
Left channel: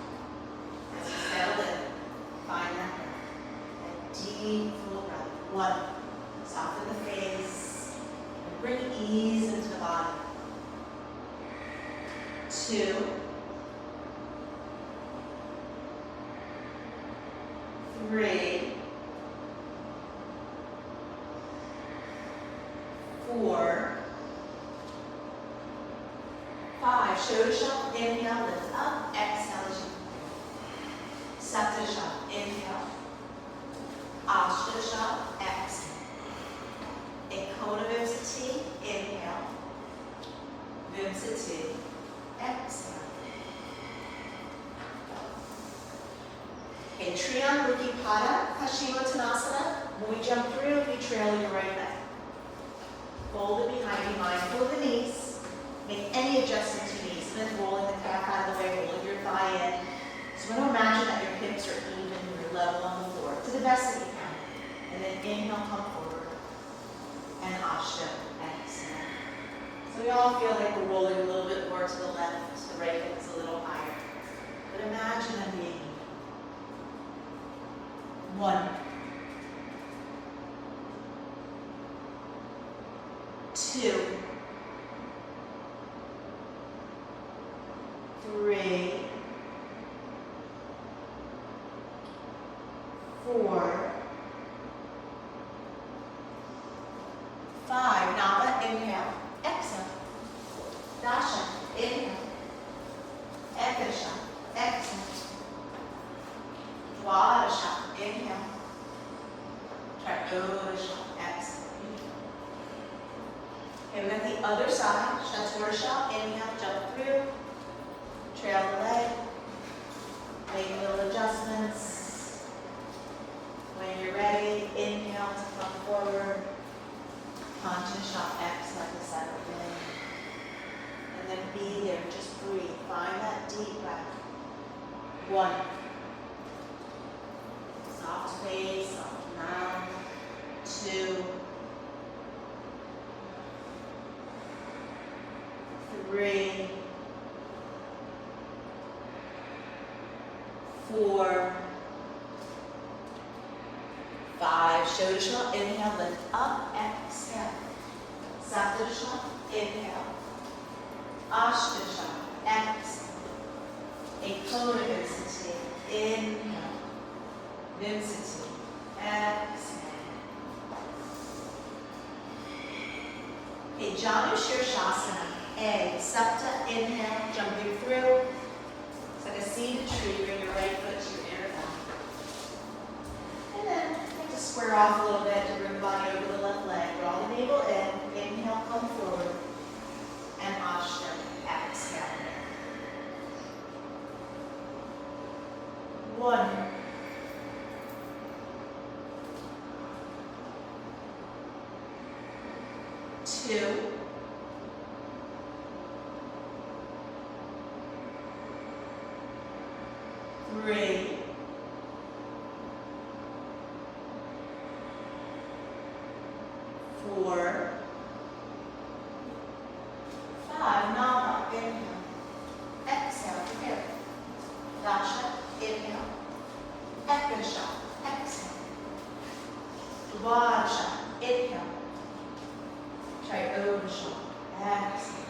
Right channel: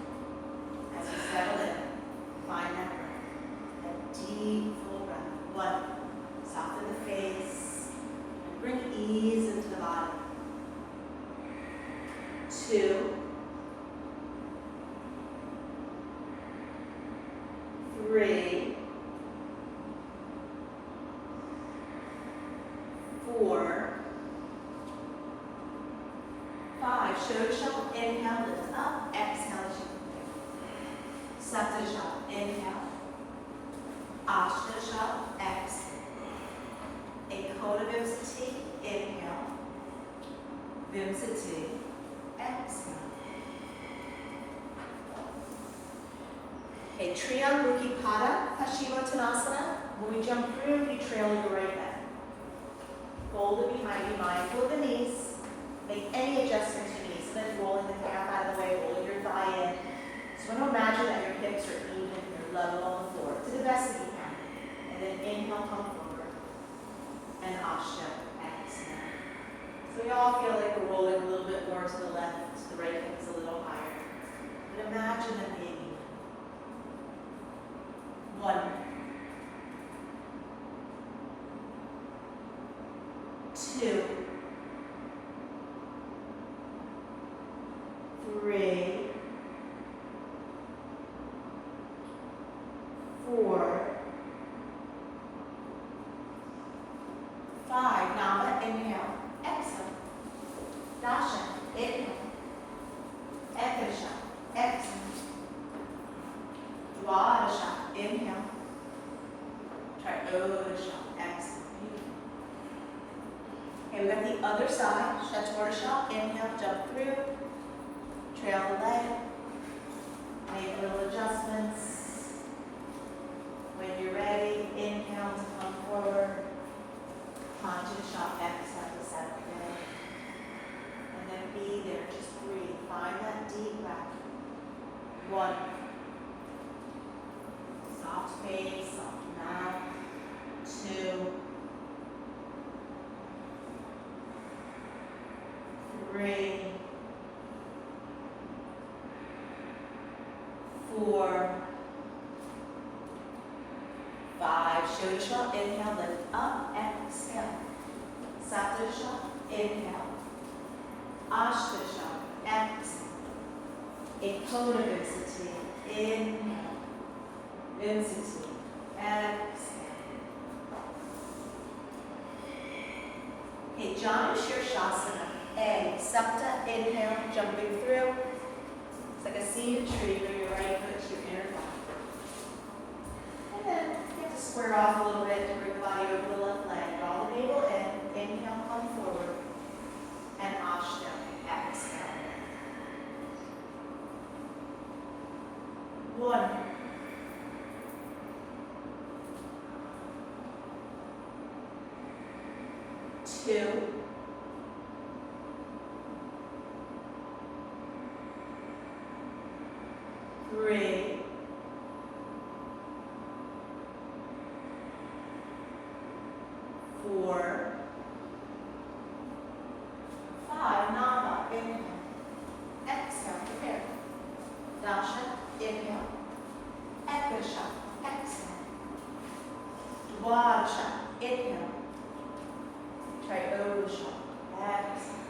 As you settle in, find that breath. A deep, full breath. 1. Soften the face. And bring ease into the body. 2. 3. 4. 5. Shodasha, inhale, lift up, exhale, Saptasha, inhale. Ashtasha, exhale. Ekota Vinsati, inhale. Vinsati, exhale. Okay, Triyanguki Pada, Paschimottanasana. When we jump through, you trail your right leg. Fold it behind you, mindful of the knees. Make any adjustment to knees. And then rolling the calf out of the way, rolling your thigh in. So we're going to imagine that your hips are even, you're level on the floor, to the best that you can. And then inhale, come forward. And Ashta, exhale. So we all feel like we're rolling a little bit more to the left. The right hip is a little higher. But imagine them being even. 1. 2. 3. 4. 5. Nava, inhale. Exhale. Dasha, inhale. Ekasha, exhale. Dwadasha, inhale. Triodasha, exhale. Okay, we got the other side, Chaturasha, inhale, jump through, trail the leg, make little adjustments. When you're ready, inhale to come forward, Kanchasha, exhale to center leg. And then be there, just breathe, find that deep breath. 1. Soft face, soft mouth. 2. 3. 4. 5. Shodasha, inhale, lift up, exhale. Saptasha, inhale. Ashtasha, exhale. Ekona Vinsati, inhale. Vinsati, exhale. Okay, Janu Shirshasana, A. Sapta, inhale, jumping through. It's like a seated tree, bring your right foot to your inner thigh. And then you have to square off a little bit to bring the body over the left leg. Draw the navel in, inhale, come forward. And Ashtam, exhale. 1. 2. 3. 4. 5. Nava, inhale. Exhale, here. Rasha, inhale. Ekasha, exhale. Dvarsha, inhale. Triodasha, exhale.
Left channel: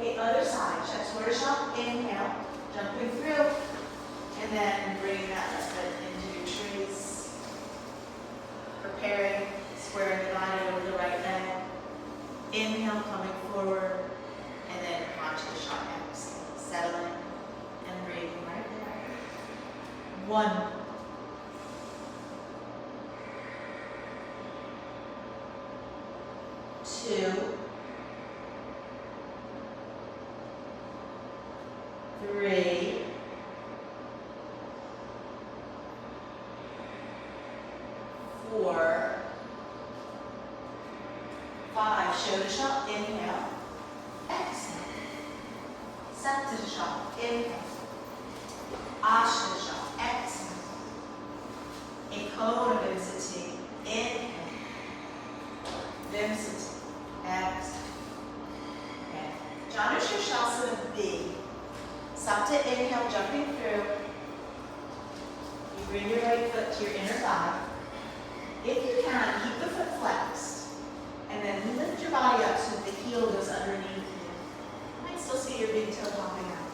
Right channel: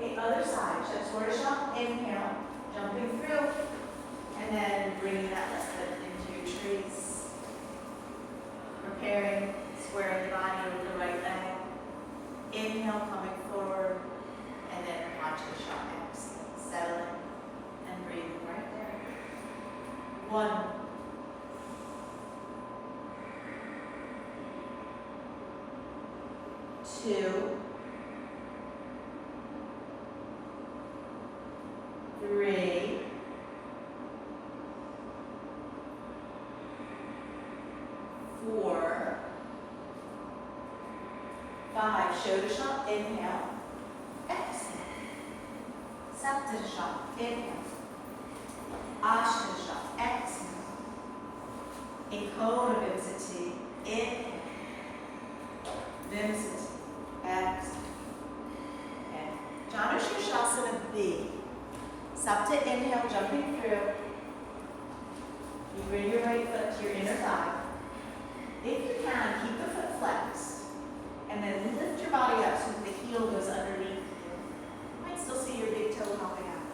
Okay, other side. Chaturasha, inhale. Jumping through. And then bringing that left foot into your trees. Preparing, squaring the body over the right leg. Inhale, coming forward. And then onto the shot, exhale. Settle in and breathe right there. 1. 2. 3. 4. 5. Shodasha, inhale. Exhale. Saptasha, inhale. Ashtasha, exhale. Ekona Vinsati, inhale. Vinsati, exhale. Okay. Janu Shirshasana B. Sapta, inhale, jumping through. You bring your right foot to your inner thigh. If you can, keep the foot flexed. And then lift your body up so that the heel goes underneath you. You might still see your big toe popping out.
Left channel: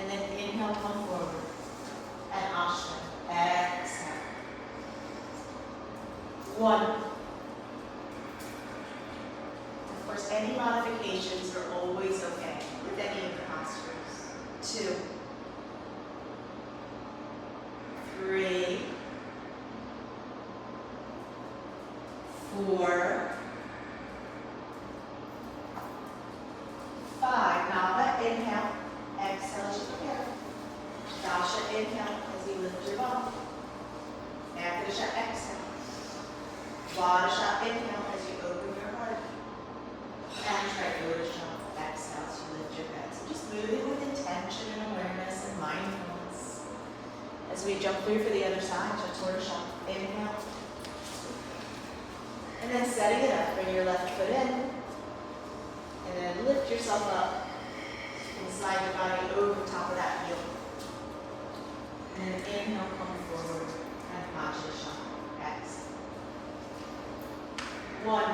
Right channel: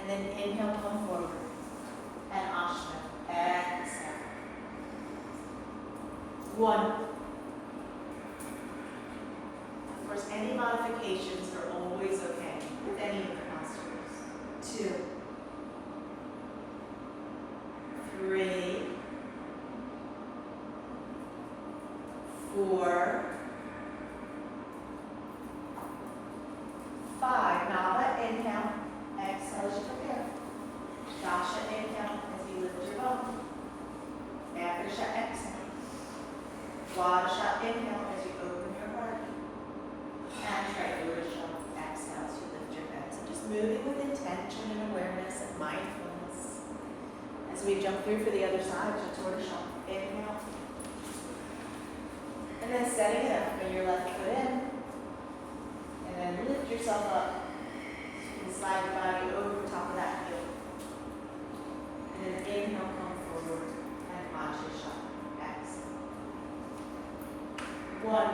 And then inhale, come forward. And Ashta, exhale. 1. Of course, any modifications are always okay with any of the postures. 2. 3. 4. 5. Nava, inhale. Exhale as you prepare. Dasha, inhale as you lift your bum. Ekasha, exhale. Dvarsha, inhale as you open your heart. And Triodasha, exhale as you lift your head. So just moving with intention and awareness and mindfulness. As we jump through for the other side, Chaturasha, inhale. And then setting it up, bring your left foot in. And then lift yourself up. And slide your body over the top of that heel. And then inhale, come forward. And Ashtasha, exhale. 1.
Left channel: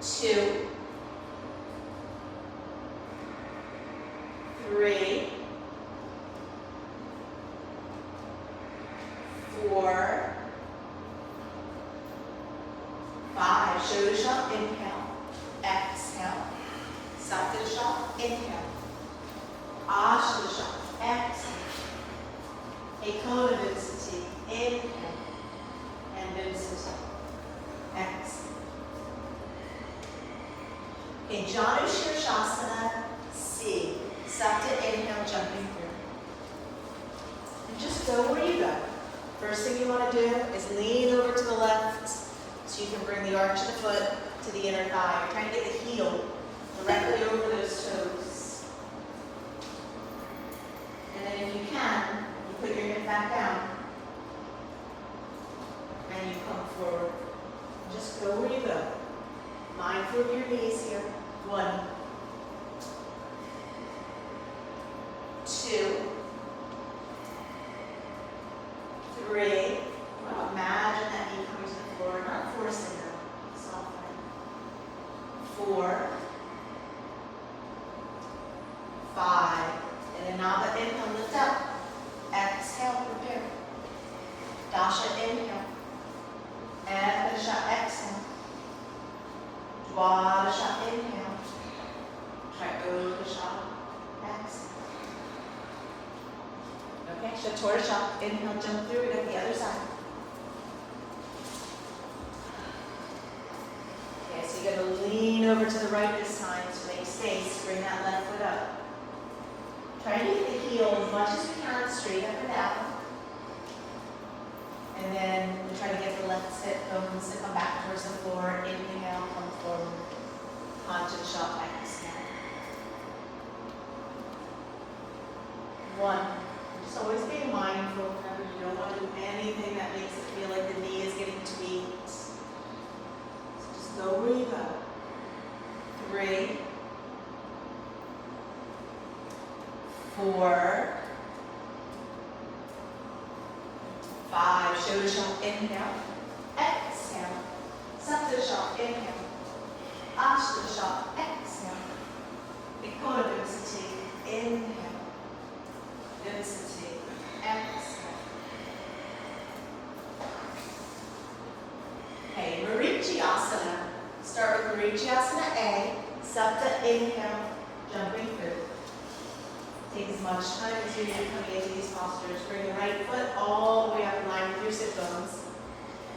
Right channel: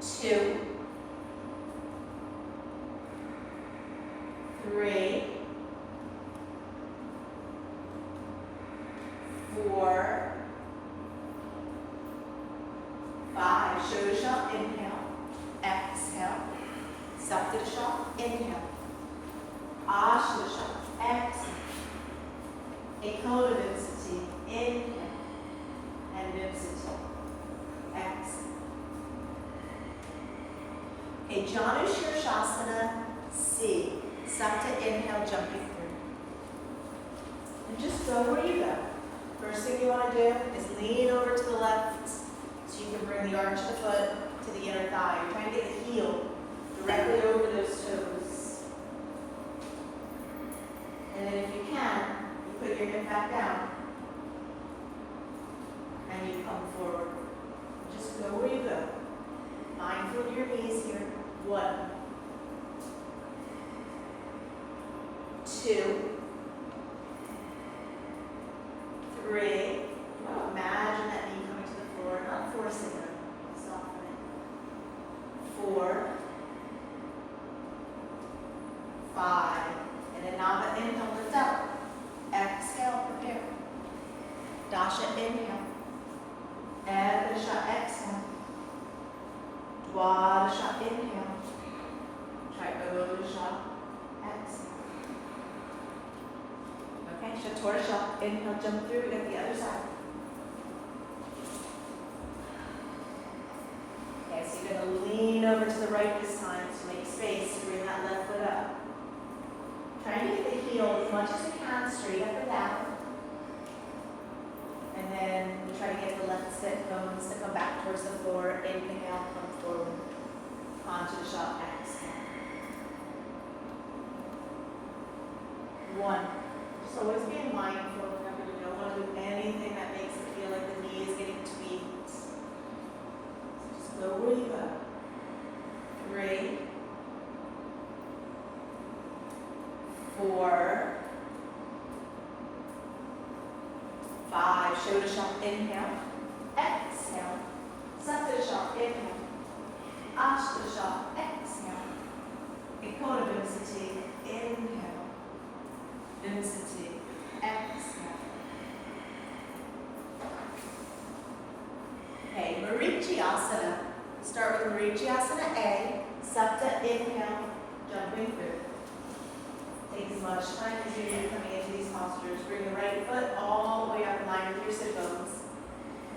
2. 3. 4. 5. Shodasha, inhale. Exhale. Saptasha, inhale. Ashtasha, exhale. A cone of density. Inhale. And density. Exhale. Okay, Janu Shirshasana C. Second inhale, jumping through. And just go where you go. First thing you want to do is lean over to the left so you can bring the arch of the foot to the inner thigh. You're trying to get the heel directly over those toes. And then if you can, you put your hip back down. And you come forward. Just go where you go. Mindful of your knees here. 1, 2, 3. Well, imagine that knee coming to the floor, not forcing them, softening. 4, 5. And Anava, inhale, lift up. Exhale, prepare. Dasha, inhale. Adasha, exhale. Dwadasha, inhale. Trikodasha, exhale. Okay, Chaturasha, inhale, jump through, we got the other side. Okay, so you're going to lean over to the right this time to make space to bring that left foot up. Try to get the heel as much as you can, straight up and down. And then we try to get the left sit bones that go back towards the floor. Inhale, come forward. Onto the shot, exhale. 1. Just always be mindful that you don't want to do anything that makes it feel like the knee is getting tweaked. So just go where you go. 3, 4, 5. Shodasha, inhale. Exhale. Saptasha, inhale. Ashtasha, exhale. Ekona density, inhale. Density, exhale. Okay, Marichiasana. Start with Marichiasana A. Sapta, inhale, jumping through. Take as much time as you need coming into these postures. Bring the right foot all the way up in line with your sit bones.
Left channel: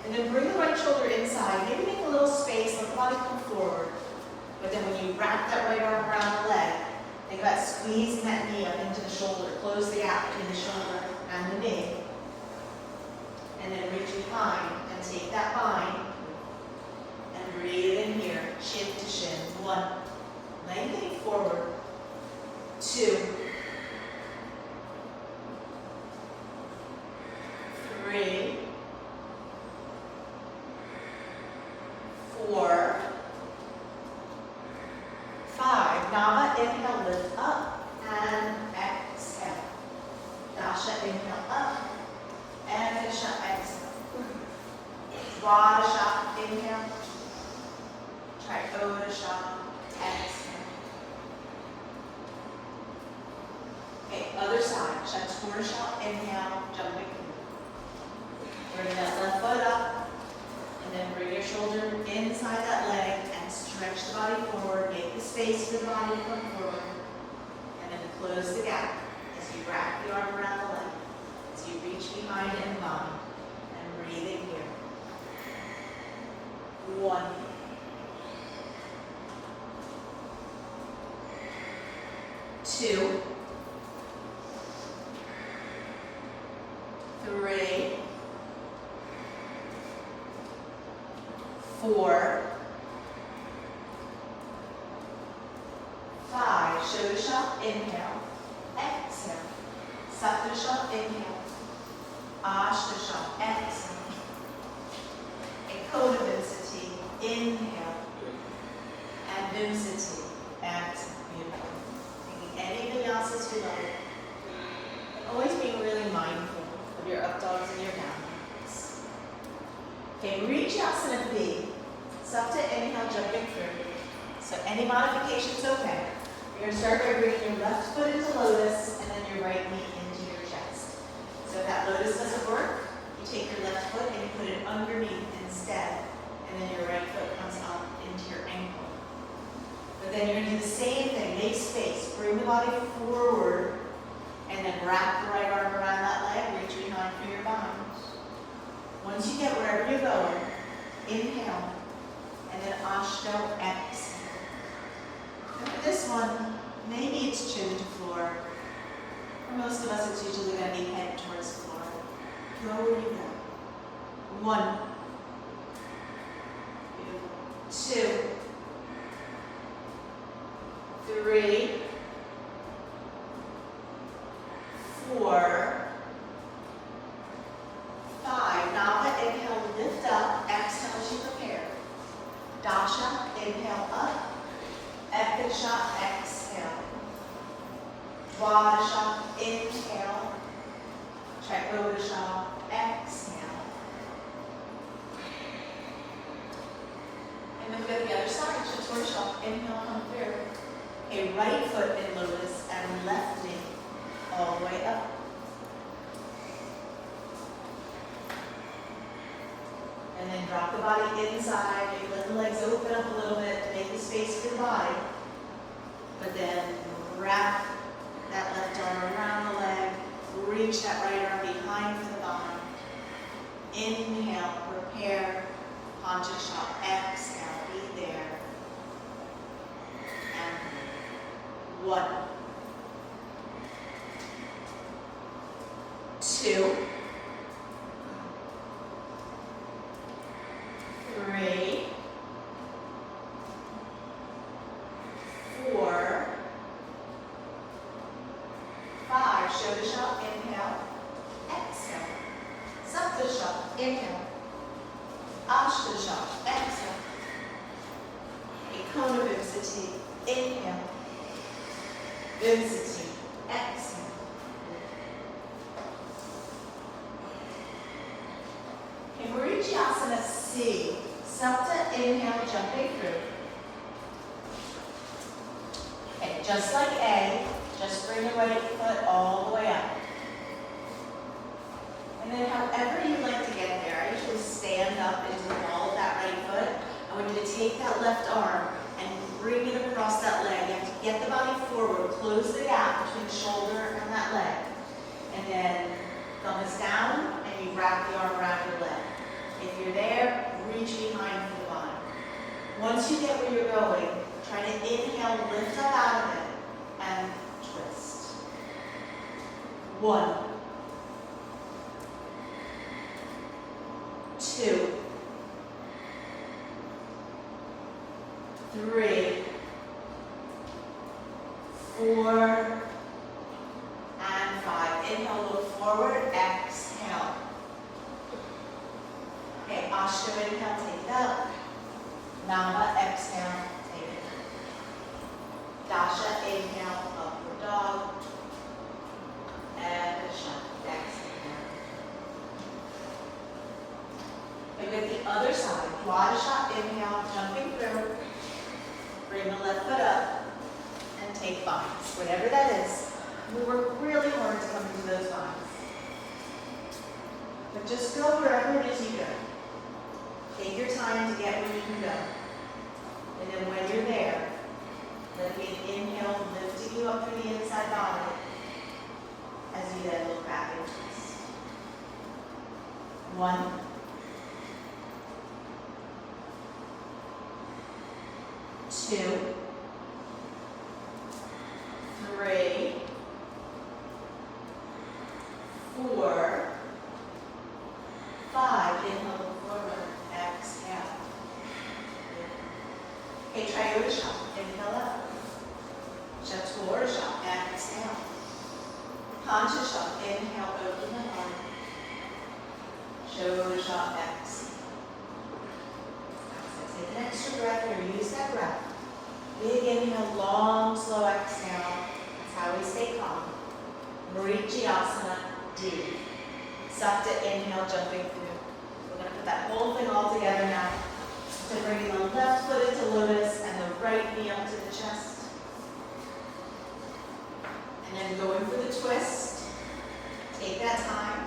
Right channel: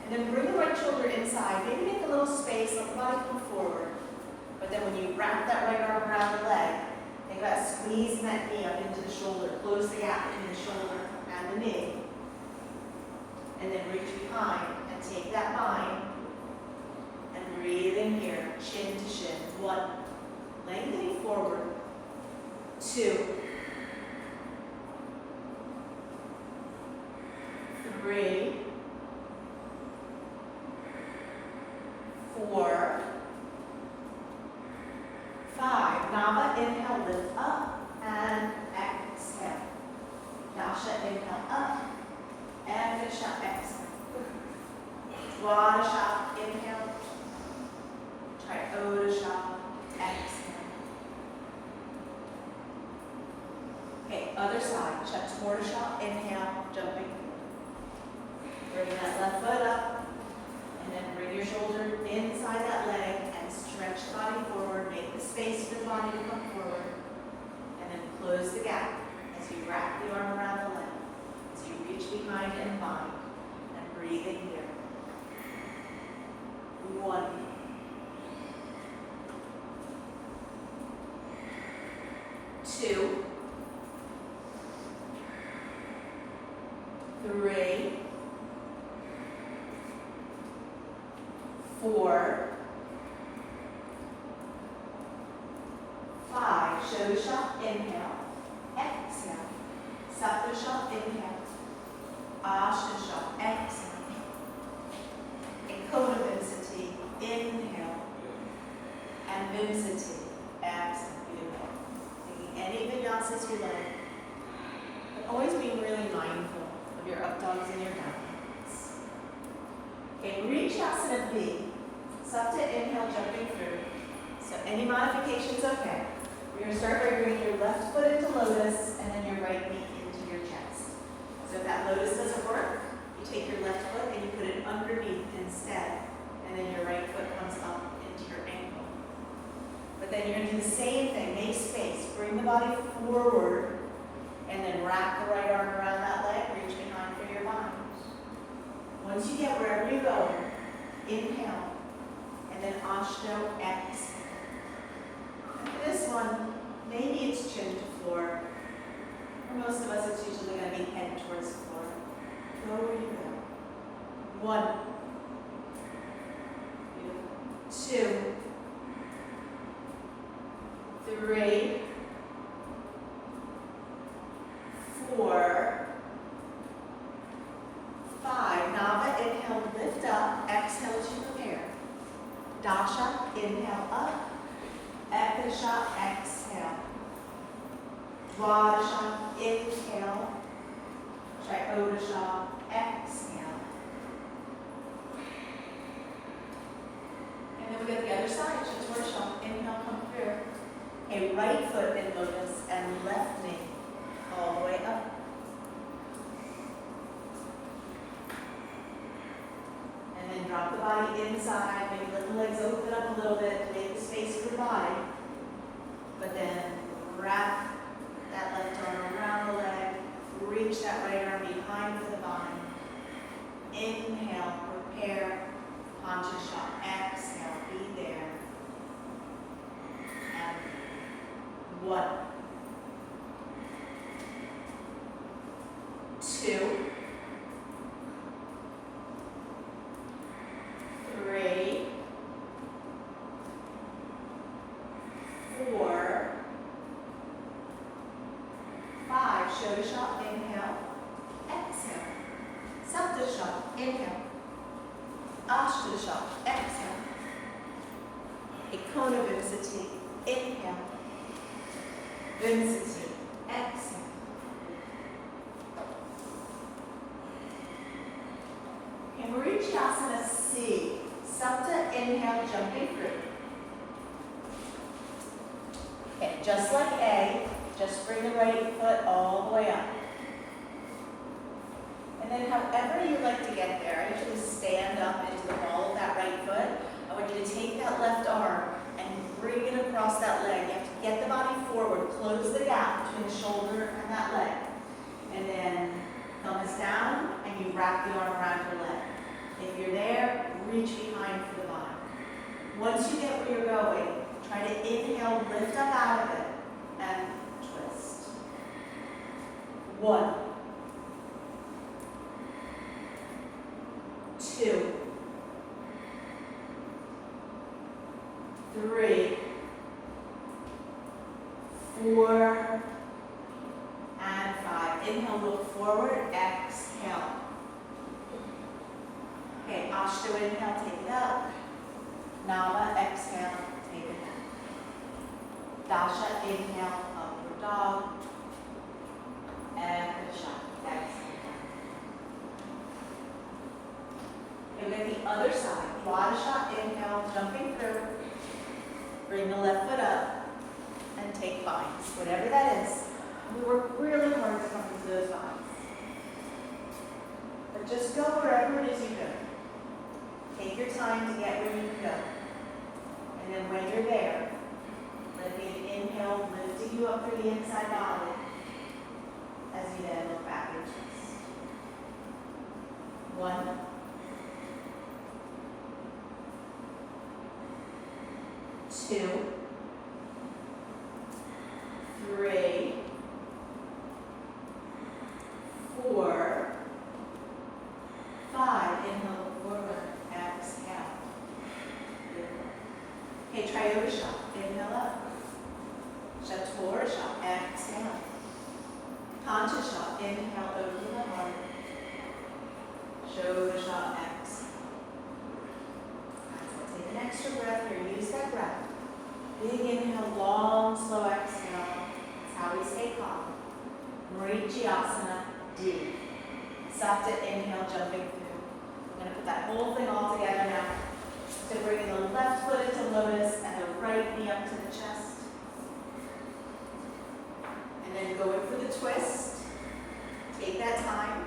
And then bring the right shoulder inside. Maybe make a little space, let the body come forward. But then when you wrap that right arm around the leg, think about squeezing that knee up into the shoulder. Close the gap between the shoulder and the knee. And then reach behind and take that bind. And breathe in here, chin to shin. 1. Lengthening forward. 2. 3, 4, 5. Nava, inhale, lift up and exhale. Dasha, inhale, up and Disha, exhale. Dwadasha, inhale. Trikodasha, exhale. Okay, other side. Chaturasha, inhale, jumping through. Bring that left foot up, and then bring your shoulder inside that leg and stretch the body forward. Make the space for the body to come forward, and then close the gap as you wrap the arm around the leg, as you reach behind and bind, and breathe in here. 1, 2, 3, 4, 5. Shodasha, inhale. Exhale. Saptasha, inhale. Ashtasha, exhale. Ekona density, inhale. And density, exhale. Beautiful. Taking any vinyasas you like. But always being really mindful of your up dogs and your down dogs. Okay, reach asana B. Sapta, inhale, jumping through. So any modification's okay. You're going to start by bringing your left foot into lotus and then your right knee into your chest. So if that lotus doesn't work, you take your left foot and you put it underneath instead. And then your right foot comes up into your ankle. But then you're going to do the same thing. Make space. Bring the body forward and then wrap the right arm around that leg. Reach down for your bind. Once you get wherever you're going, inhale, and then Ashtanga, exhale. And for this one, maybe it's chin to floor. For most of us, it's usually going to be head towards the floor. Go where you go. 1, 2, 3, 4, 5. Nava, inhale, lift up. Exhale as you prepare. Dasha, inhale up. Ekasha, exhale. Dwadasha, inhale. Trikodasha, exhale. And then with the other side, Chaturasha, inhale, come through. A right foot in lotus and left knee all the way up. And then drop the body inside, maybe let the legs open up a little bit to make the space for the body. But then wrap that left arm around the leg, reach that right arm behind for the bind. Inhale, prepare, Panchasha, exhale, be there. And 1, 2, 3, 4, 5. Shodasha, inhale, exhale. Saptasha, inhale. Ashtasha, exhale. Ekona Vimsati, inhale. Vimsati, exhale. Okay, Marichiasana C. Sapta, inhale, jumping through. Okay, just like A, just bring the right foot all the way up. And then however you like to get there, I usually stand up into the ball of that right foot. I want you to take that left arm and bring it across that leg. You have to get the body forward, close the gap between the shoulder and that leg. And then thumb is down and you wrap the arm around your leg. If you're there, reach behind for the bind. Once you get where you're going, try to inhale, lift up out of it, and twist. 1, 2, 3, 4, and 5. Inhale, look forward, exhale. Okay, Ashtanga, inhale, take it up. Nava, exhale, take it up. Dasha, inhale, upward dog. And Dasha, exhale. And with the other side, Dwadasha, inhale, jumping through. Bring the left foot up and take binds, whatever that is. We work really hard to come into those binds. But just go wherever it is you go. Take your time to get where you can go. And then when you're there, let the inhale lifting you up through the inside body as you then look back and twist. 1, 2, 3, 4, 5. Inhale, look forward. Exhale. Okay, Triodasha. Inhale up. Chaturasha. Exhale. Panchasha. Inhale, open the heart. Shodasha. Exhale. Take an extra breath here. Use that breath. Big inhale, long, slow exhale. That's how we stay calm. Marichiasana D. Sapta, inhale, jumping through. We're going to put that whole thing all together now. So bringing the left foot into lotus and the right knee up to the chest. And then going for the twist. Take that time.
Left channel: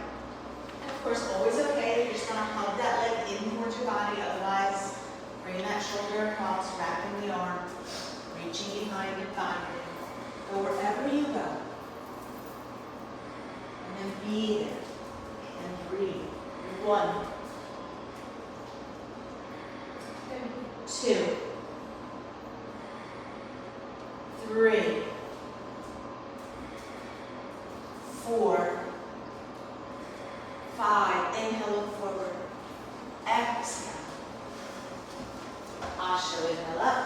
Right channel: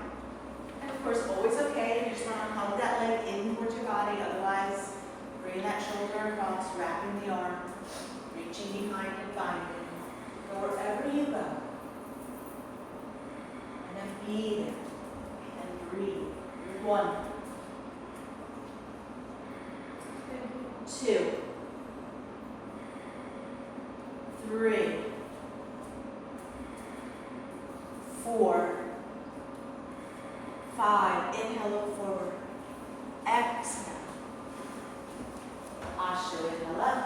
And of course, always okay. You just want to hug that leg in towards your body. Otherwise, bring that shoulder across, wrapping the arm, reaching behind and finding it. Go wherever you go. And then be there. 1, 2, 3, 4, 5. Inhale, look forward. Exhale. Ashtanga, inhale up.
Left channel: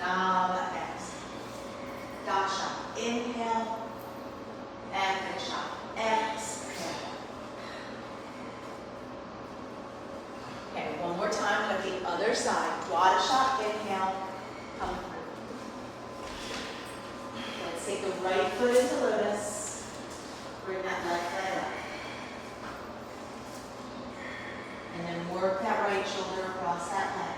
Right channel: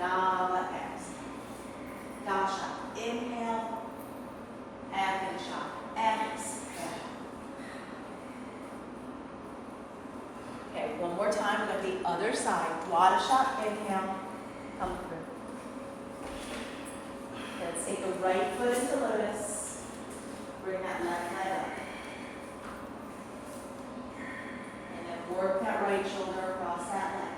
Nava, exhale. Dasha, inhale. And Krisha, exhale. Okay, one more time to the other side. Dwadasha, inhale. Come through. Let's take the right foot into lotus. Bring that left leg up. And then work that right shoulder across that leg.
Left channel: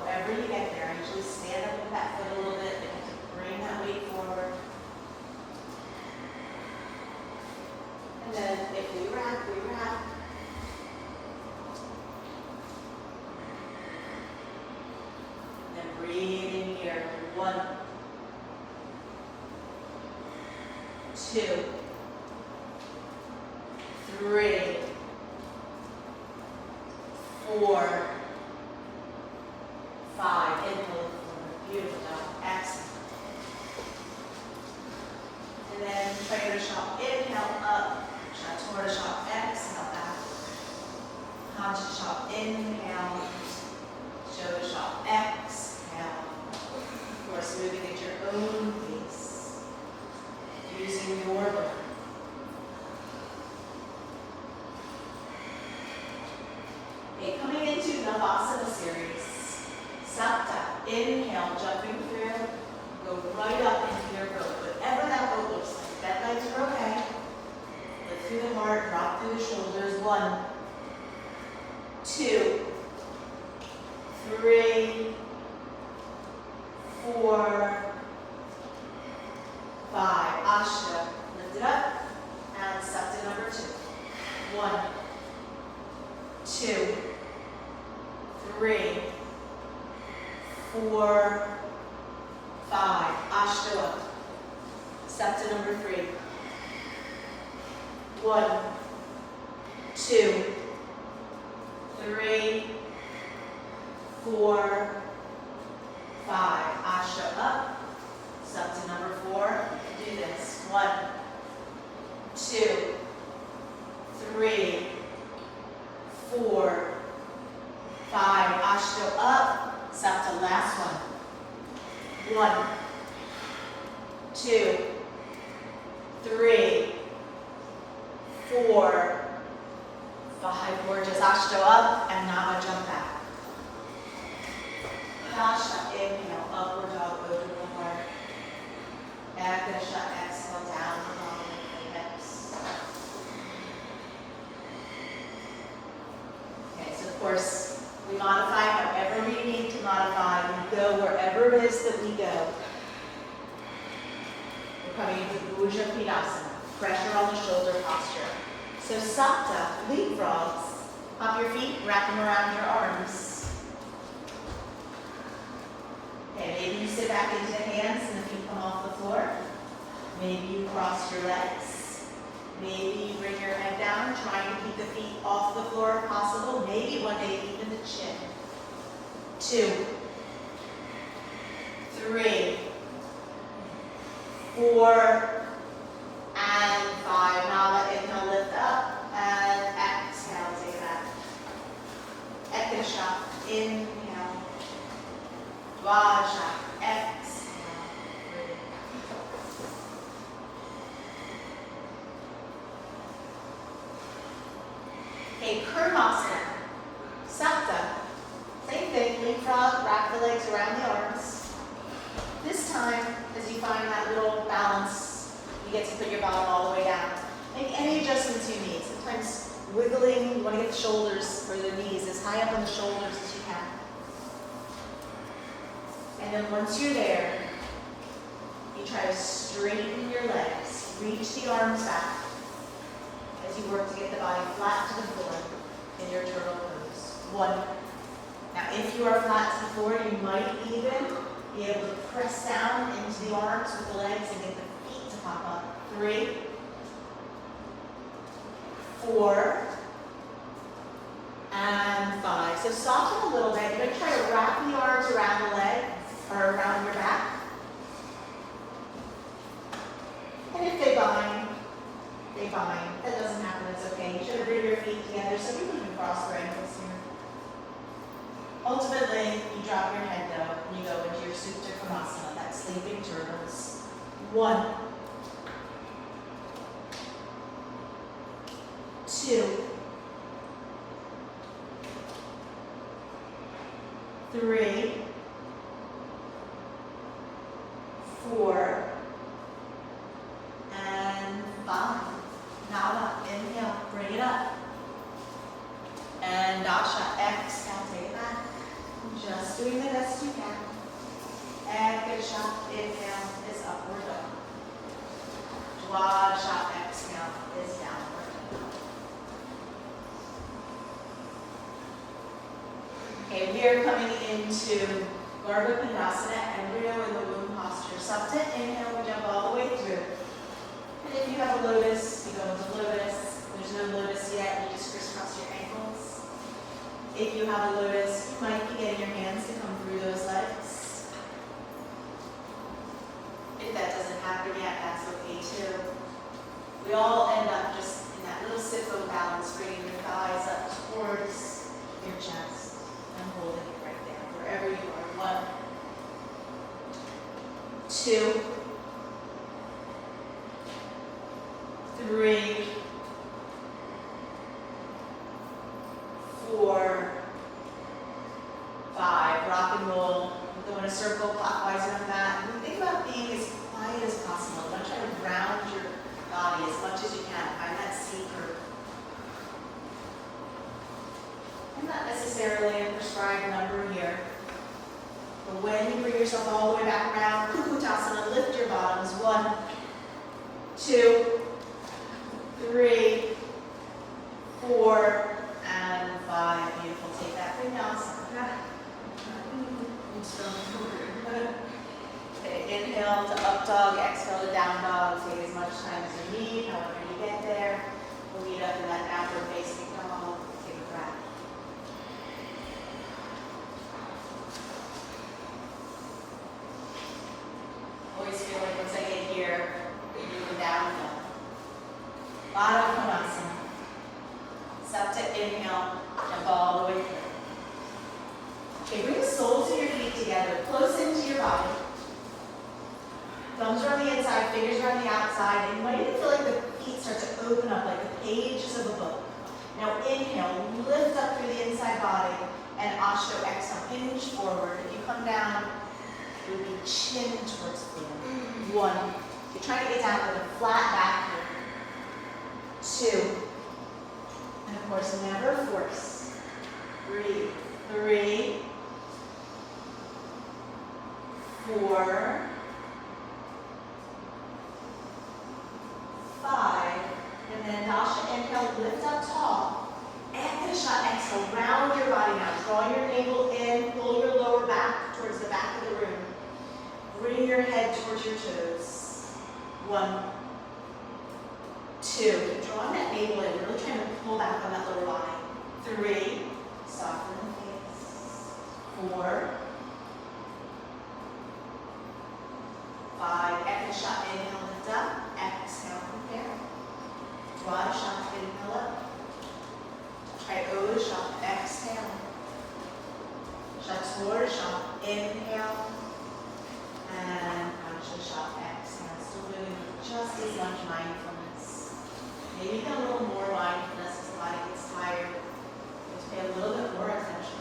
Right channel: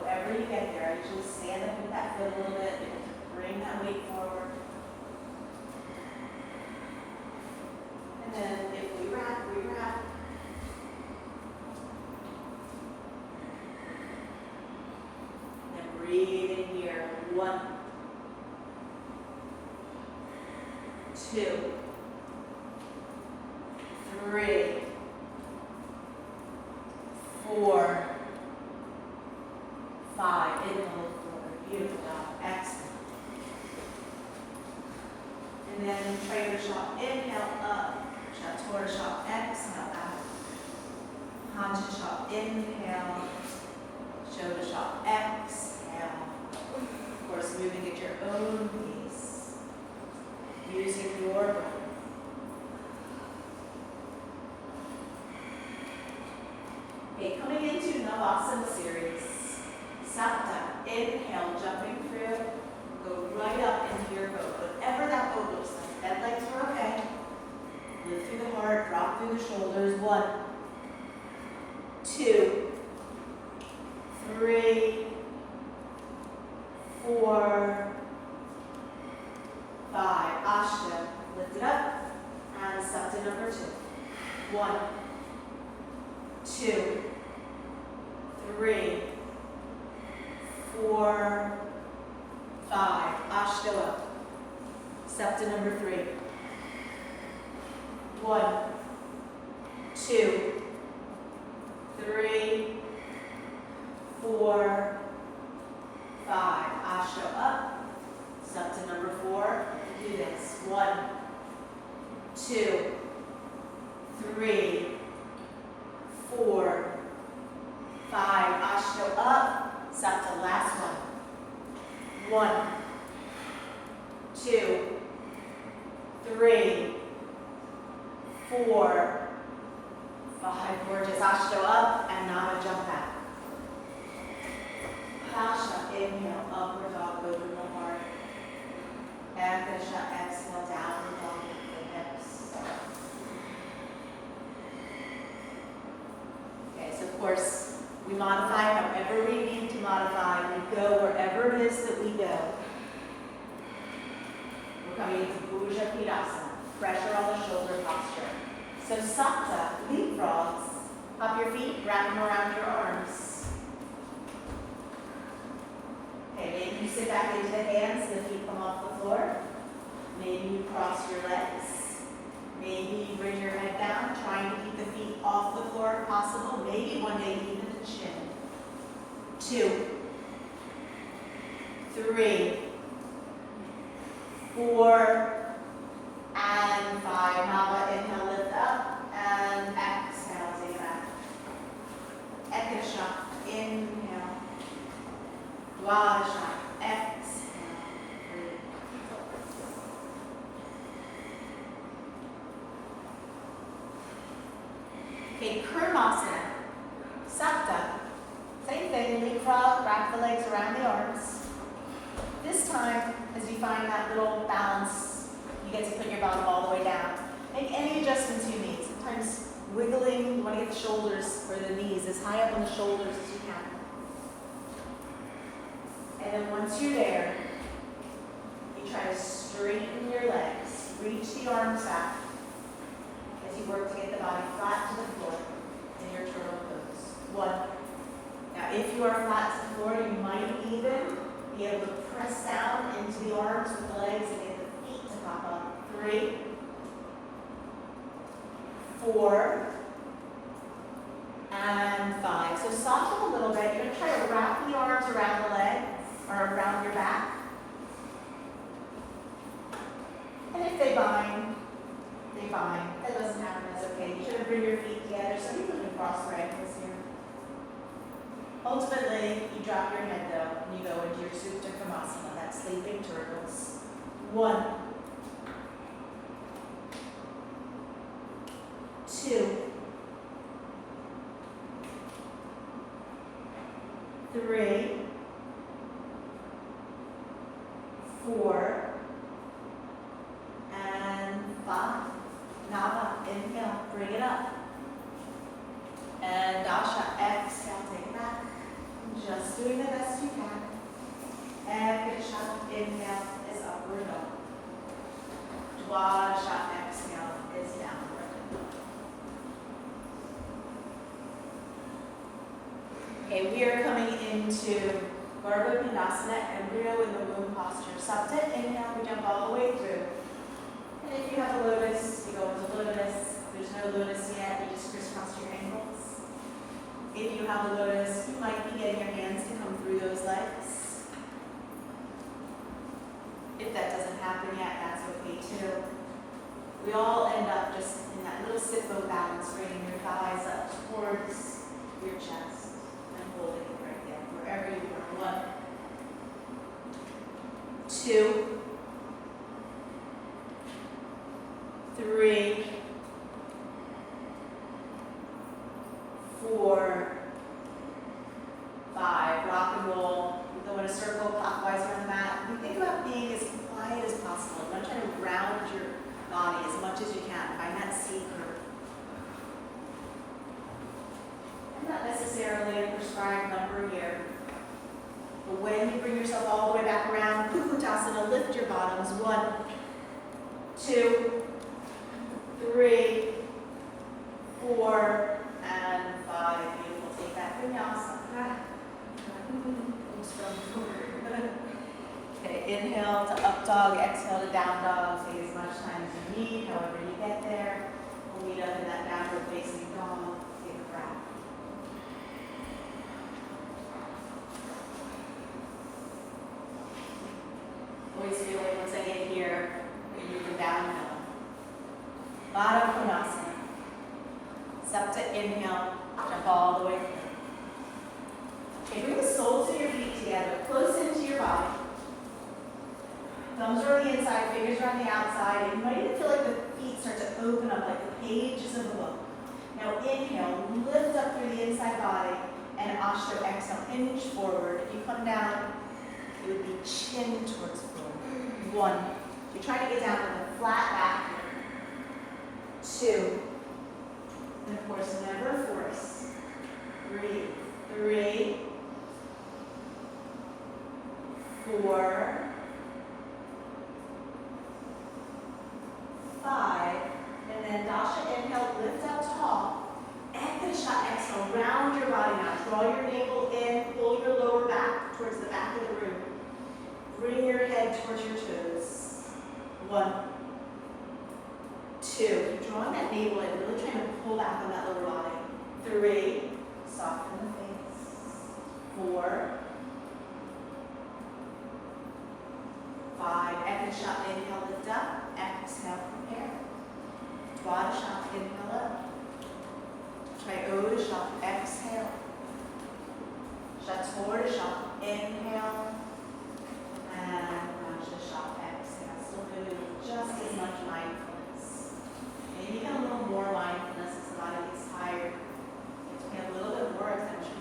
However you get there, actually stand up with that foot a little bit and bring that weight forward. And then if we wrap, we wrap. And breathe in here. 1, 2, 3, 4, 5. Inhale, look forward. Beautiful job. Exhale. And then trainer shop. Inhale up. Chaturanga shop. Exhale out. Hansha shop. Inhale. Shoulder shop. Exhale. Of course, moving at your own pace. Using your breath. Okay, coming into Navasana series. Sapta. Inhale, jumping through. Go right up into your boat. Whatever that boat looks like. Bent legs are okay. Lift through the heart, drop through the shoulders. 1, 2, 3, 4, 5. Ashta. Lift it up. And Sapta number 2. 1, 2, 3, 4, 5. Ashta. Sapta number 3. 1, 2, 3, 4, 5. Ashta up. Sapta number 4. Do this. 1, 2, 3, 4, 5. Ashta up. Sapta last one. 1, 2, 3, 4, 5. Gorgeous. Ashta up and Nava jump back. Dasha, inhale, upward dog, go through the heart. Ekdasha, exhale, downward dog with the hips. Okay, so of course, we modify however we need to modify. We go wherever it is that we go. We're coming into Bhuja Pidasana, pressure on the shoulder posture. So Sapta, leapfrogs. Pop your feet, wrap them around your arms. Okay, maybe you sit back into the hands and the feet come off the floor. Maybe you cross your legs. Maybe you bring your head down, trying to keep the feet off the floor if possible. Maybe one day even the chin. 2, 3, 4, and 5. Now let inhale, lift up, and exhale, take it back. Ekdasha, inhale. Dwadasha, exhale. Okay, Kurmasana, Sapta. Same thing, leapfrog, wrap the legs around the arms. This time, as you find that little balance, you get to put your bottom all the way down. Make any adjustments you need. Sometimes wiggling, you want to get the shoulders or the knees as high up on the shoulders as you can. And then once you're there, you try to straighten your legs. Reach the arms back as you work to get the body flat to the floor in your turtle pose. 1. Now if you are flat to the floor, you might even be able to press down into the arms with the legs and get the feet to pop up. 3, 4, and 5. So soften a little bit. You're going to try to wrap the arms around the legs, or around your back. And if they bind, they bind. That doesn't happen, that's okay. You should bring your feet together so we can cross our ankles here. Ultimately, you drop your head down and you go into your Supta Konasana, that sleeping turtles. 1, 2, 3, 4, and 5. Nava, inhale, bring it up. And Dasha, exhale, take it back. Just doing the best you can. And good shot, inhale is upward dog. Dwasha, exhale is downward dog. Okay, we are coming into Garbha Pindasana, embryo in the womb posture. Supta, inhale, we jump all the way through. And if you have a lotus, you go into lotus. If there's no lotus yet, you just crisscross your ankles. If you have a lotus, you might be getting your hands to come through those legs. If that doesn't happen yet, that's okay too. We all end up just in that little sipho balance, bringing your thighs up towards your chest and hold it right there, wherever you are. 1, 2, 3, 4, 5. Rock and roll. We go in a circle clockwise on the mat. And think about being as quiet as possible. Don't try to ground your body as much as you can. Find that C curve. And not necessarily a prescribed number here. But when you bring yourself all the way back around, Kukutasana, lift your bottoms. 1, 2, 3, 4, and 5. Beautiful. Take that vinyasa. Okay, inhale to up dog, exhale to down dog. Take as much time as you need, however you get there. We'll lead up to that downward facing dog. Take a breath. Always feel like once I get here, we move downhill. Ladha Konasana. Supta, inhale, jump all the way through. Okay, bring the soles of your feet together, close into your body. Thumbs are on the inside, fingers are on the outside, and you might even feel like the feet start to open up like the pages of a book. Now inhale, lift up through the inside body, and Ashto, exhale, hinge forward. If you come down, it would be chin towards the floor. 1. You're trying to get down with a flat back here. 2. And of course, never force. 3, 4, 5, and then Dasha, inhale, lift up tall. Ekasha, exhale, round your body now. Draw your navel in, pull your lower back towards the back of the room. Bring your head towards your toes. 1, 2, keep drawing that navel in, really trying to pull back on that lower body. 3, soften the face. 4, 5, Ekasha, inhale, lift up. Exhale, prepare. Dwasha, inhale up. Trikodasha, exhale. Chaturasha, inhale. And Panchasha, exhale. Still doing just as much mindfulness. Maybe a little more mindfulness as the body gets tired. Just pay a little bit more attention.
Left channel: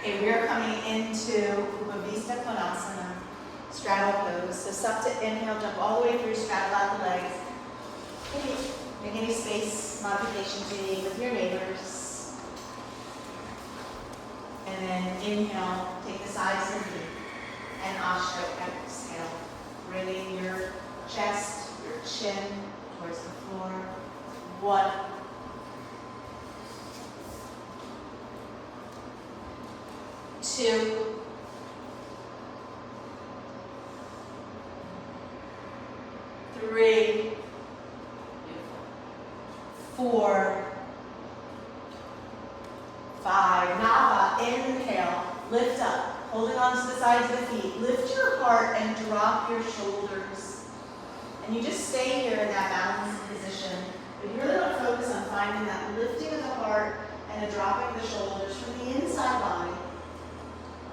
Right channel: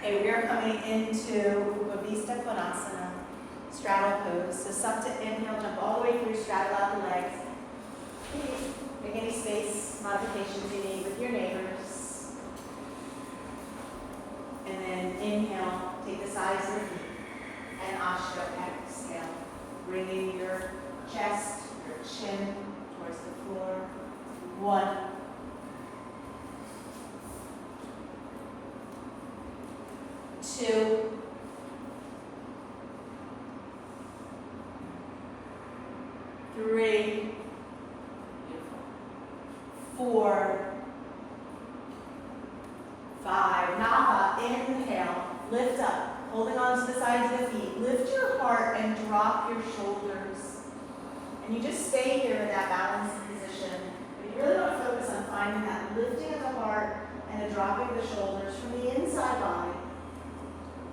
Okay, we are coming into Upavista Konasana, straddle pose. So Supta, inhale, jump all the way through, straddle out the legs. Make any space modifications you need with your neighbors. And then inhale, take the sides of the feet. And Ashto, exhale. Bringing your chest, your chin towards the floor. 1, 2, 3, 4, drop your shoulders. And you just stay here in that balanced position. But you really want to focus on finding that lifting of the heart and the dropping of the shoulders from the inside body.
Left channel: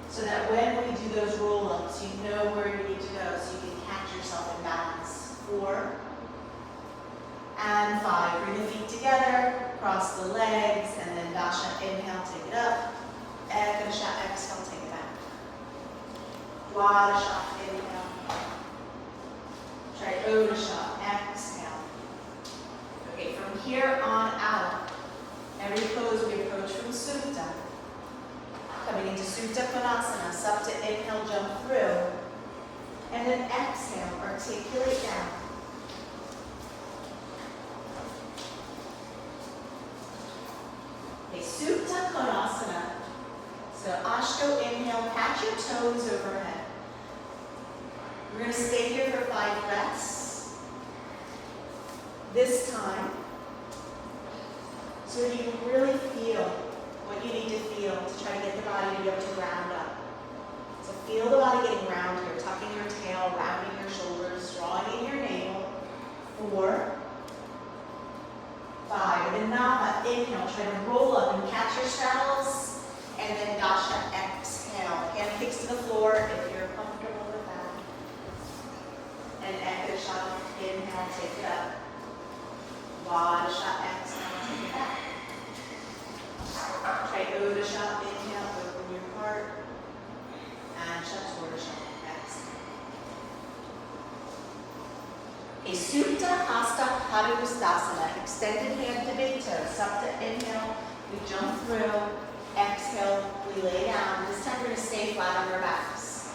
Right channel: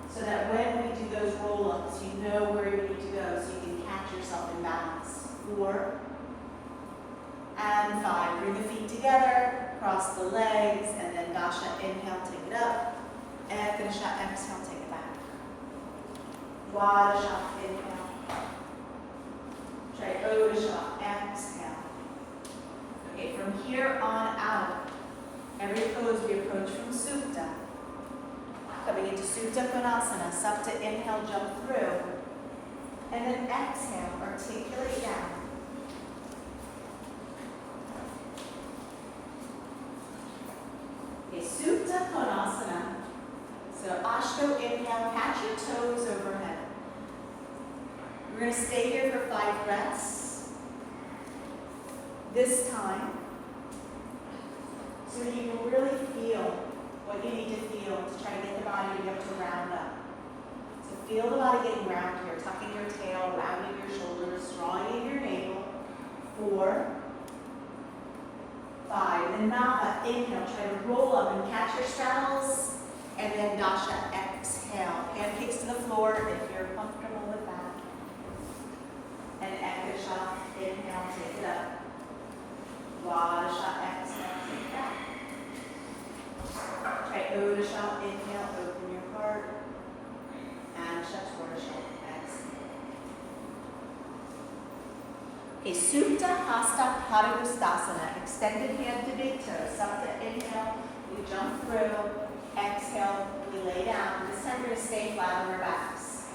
So that when we do those roll-ups, you know where you need to go so you can catch yourself in balance. 4 and 5. Bring the feet together, cross the legs, and then Dasha, inhale, take it up. Ekasha, exhale, take it back. Dwadasha, inhale. Trikodasha, exhale. Okay, from here on out, every pose we approach from Supta. Coming into Supta Konasana, Supta, inhale, jump through. And then exhale, articulate down. Okay, Supta Konasana. So Ashto, inhale, catch your toes overhead. We're going to stay here for 5 breaths. This time, so you can really feel what you need to feel to try to get the body to be able to round up. So feel the body getting round here, tucking your tail, rounding your shoulders, drawing in your navel. 4, 5. And then Nava, inhale, try to roll up and catch your straddles. And then Dasha, exhale. Hand kicks to the floor if you're comfortable with that. And Ekasha, inhale, take it up. Dwadasha, exhale, take it back. Trikodasha, inhale, open your heart. And Chaturasha, exhale. Okay, Supta Hasta Padangusthasana. Extended hand to big toe. Supta, inhale, we jump through. Exhale, we lay down. This time we're going to stay flat on our backs.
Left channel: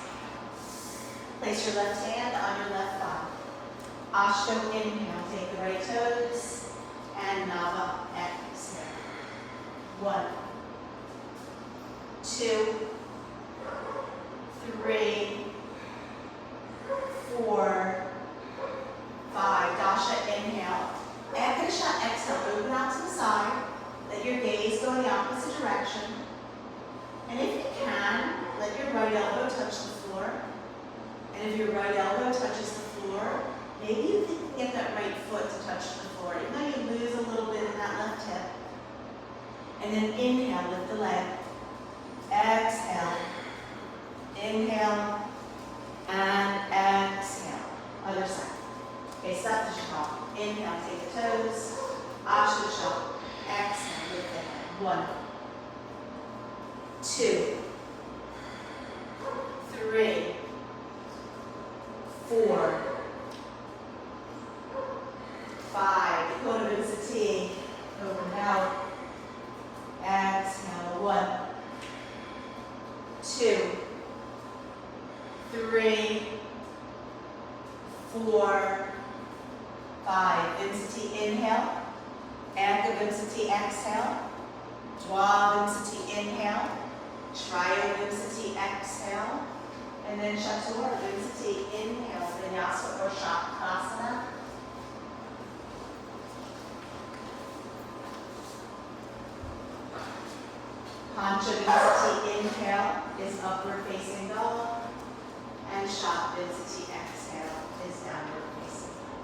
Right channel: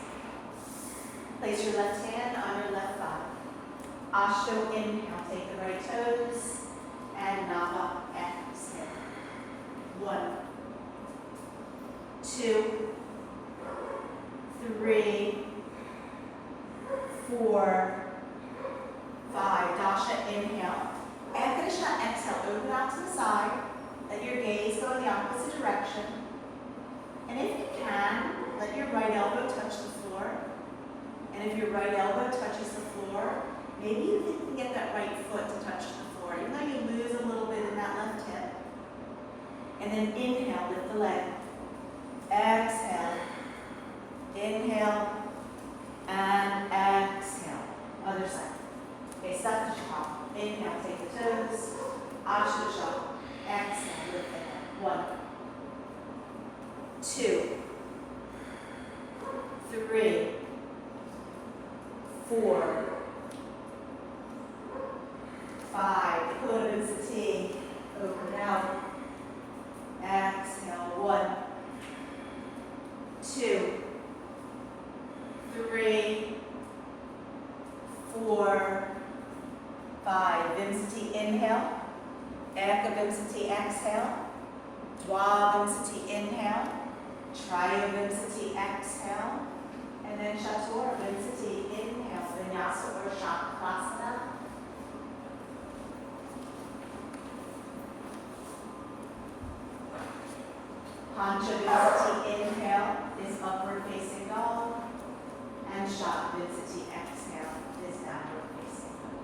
Place your left hand on your left thigh. Ashto, inhale, take the right toes. And Nava, exhale. 1, 2, 3, 4, 5. Dasha, inhale. Ekasha, exhale, open out to the side. Let your gaze go in the opposite direction. And if you can, let your right elbow touch the floor. And if your right elbow touches the floor, maybe you can get that right foot to touch the floor. You know you lose a little bit in that left hip. And then inhale, lift the leg. Exhale. Inhale. And exhale. Other side. Okay, Satyasha. Inhale, take the toes. Ashtasha. Exhale, lift the head. 1, 2, 3, 4, 5. Kota Vinsati. Open out. Exhale. 1, 2, 3, 4, 5. Vinsati, inhale. Eka Vinsati, exhale. Dwa Vinsati, inhale. Triya Vinsati, exhale. And then Chatur Vinsati, inhale. Vinyasa or Shavasana. Pancha Vinsati, inhale is upward facing dog. And Shav Vinsati, exhale is downward facing dog.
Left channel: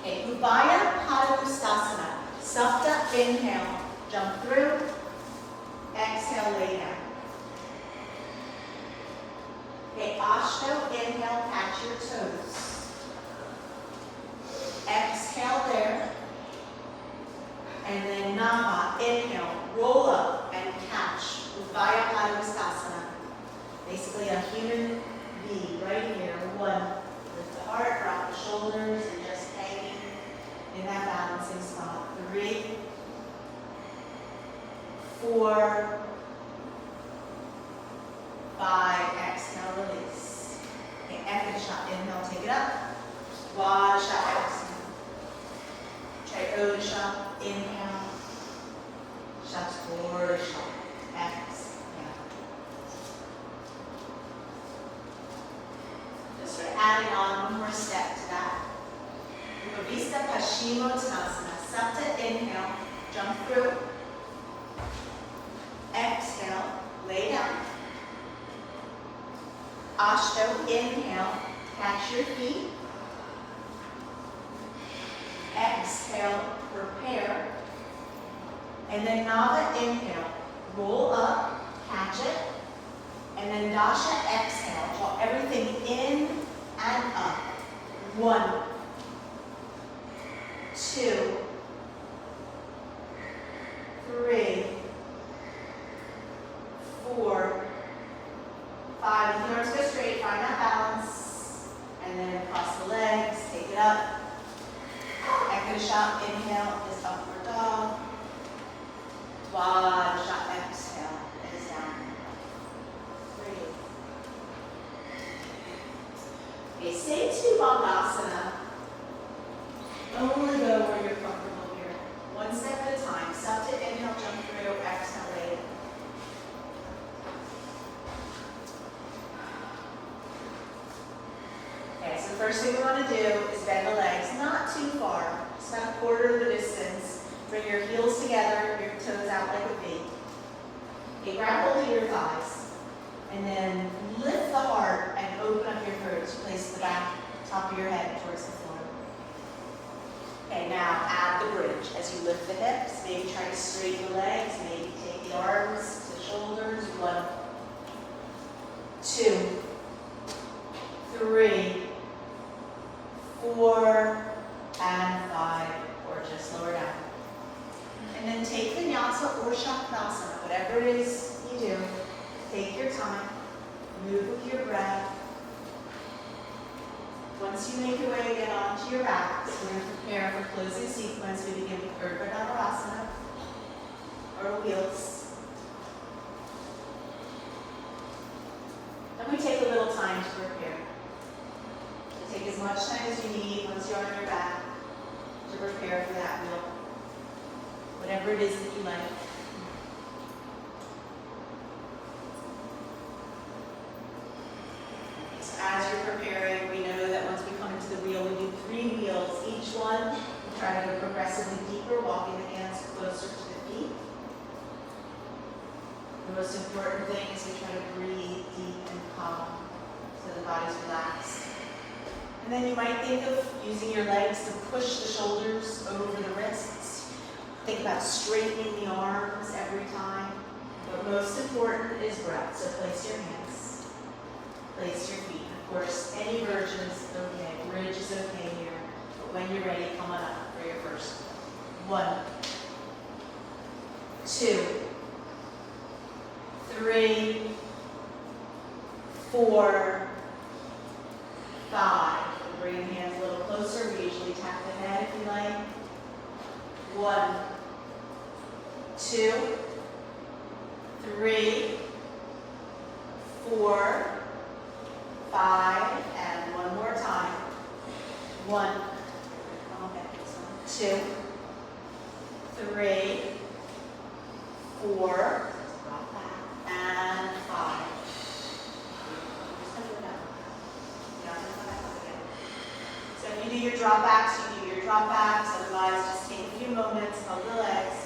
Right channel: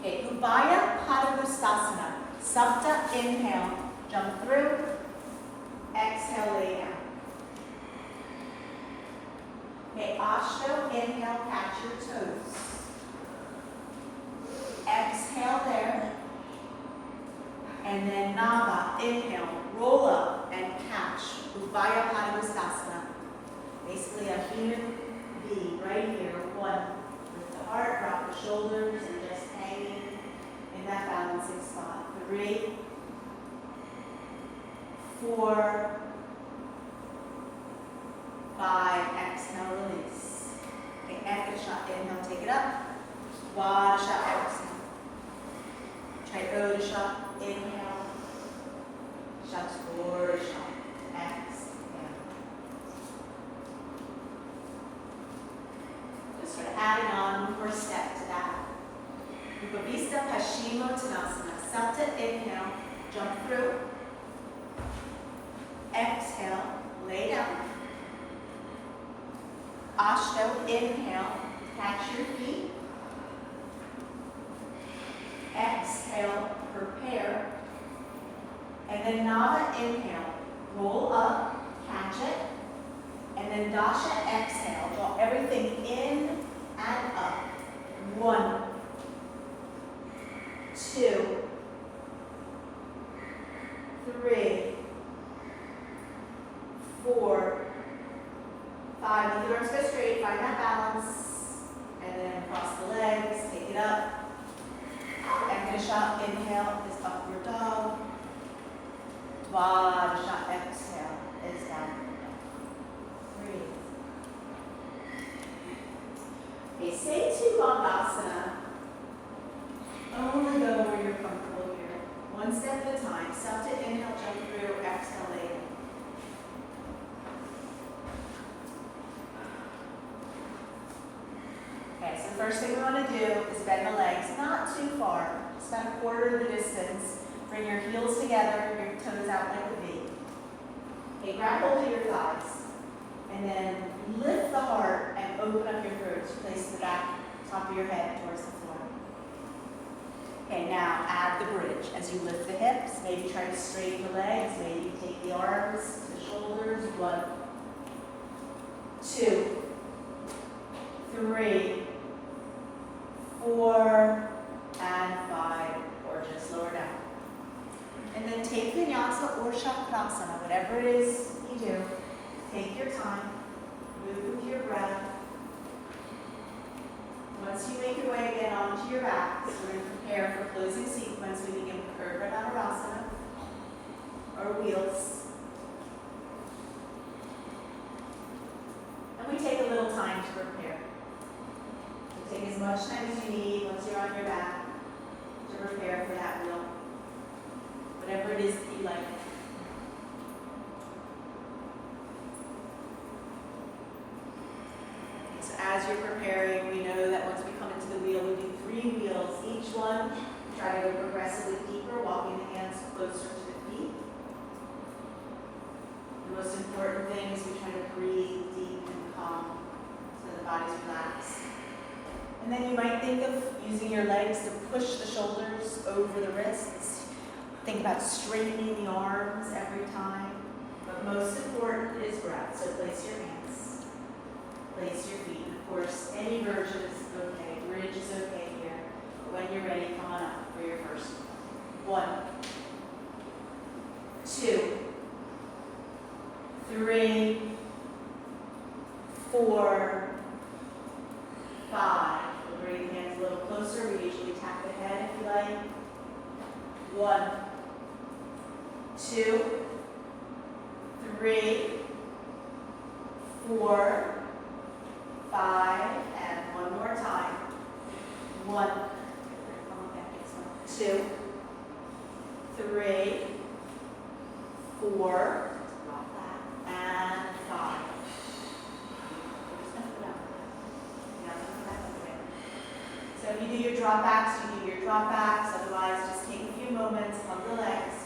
Okay, Ubaya Padangusthasana. Supta, inhale, jump through. Exhale, lay down. Okay, Ashto, inhale, catch your toes. Exhale there. And then Nava, inhale, roll up and catch. Ubaya Padangusthasana. Basically a human being right here. 1, lift the heart, drop the shoulders, and just hanging in that balancing spot. 3, 4, 5, exhale, release. Okay, Ekasha, inhale, take it up. Dwadasha, exhale. Trikodasha, inhale. Chaturasha, exhale. Just sort of adding on one more step to that. Upavista Paschimottanasana. Supta, inhale, jump through. Exhale, lay down. Ashtanga, inhale, catch your feet. Exhale, prepare. And then Nava, inhale, roll up, catch it. And then Dasha, exhale, draw everything in and up. 1, 2, 3, 4, 5. Let the arms go straight, find that balance. And then cross the legs, take it up. Ekasha, inhale is upward dog. Dwaja, exhale is down. Breathe. Okay, say to Bandhasana. Only go where you're comfortable here. One step at a time. Subject, inhale, jump through, exhale, lay it. Okay, so the first thing we want to do is bend the legs, not too far. Just about a quarter of the distance. Bring your heels together, your toes out like a V. Okay, grab hold of your thighs. And then lift the heart and open up your throat. Place the back, top of your head towards the floor. Okay, now add the bridge. As you lift the hips, maybe try to straighten the legs. Maybe take the arms to the shoulders. 1, 2, 3, 4, and 5. Gorgeous. Lower down. And then take vinyasa or shavasana, whatever it is you do. Take your time. Move with your breath. Once you make your way again onto your backs, we're going to prepare for closing sequence. We begin with Urdhva Dhanurasana, or wheels. And we take a little time to prepare. So take as much time as you need once you're on your back to prepare for that wheel. Whatever it is that you like. So as you're preparing, we know that once we come into the wheel, we do 3 wheels. Each one, we try to go progressively deeper, walking the hands closer to the feet. The most important thing is we try to breathe deep and calm so the body's relaxed. And then you might think of using your legs to push the shoulders over the wrists. Think about straightening the arms every time. But most important is breath. So place your hands. Place your feet. Of course, any version is okay. Bridge is okay here. But when you're ready, come on up for your first. 1, 2, 3, 4, 5. We'll bring the hands a little closer. We usually tap the head if you like. 1, 2, 3, 4, 5, and one more time. 1, 2, 3, 4, and 5. So if you do your drop backs, you do your drop backs. Otherwise, just take a few moments of the legs.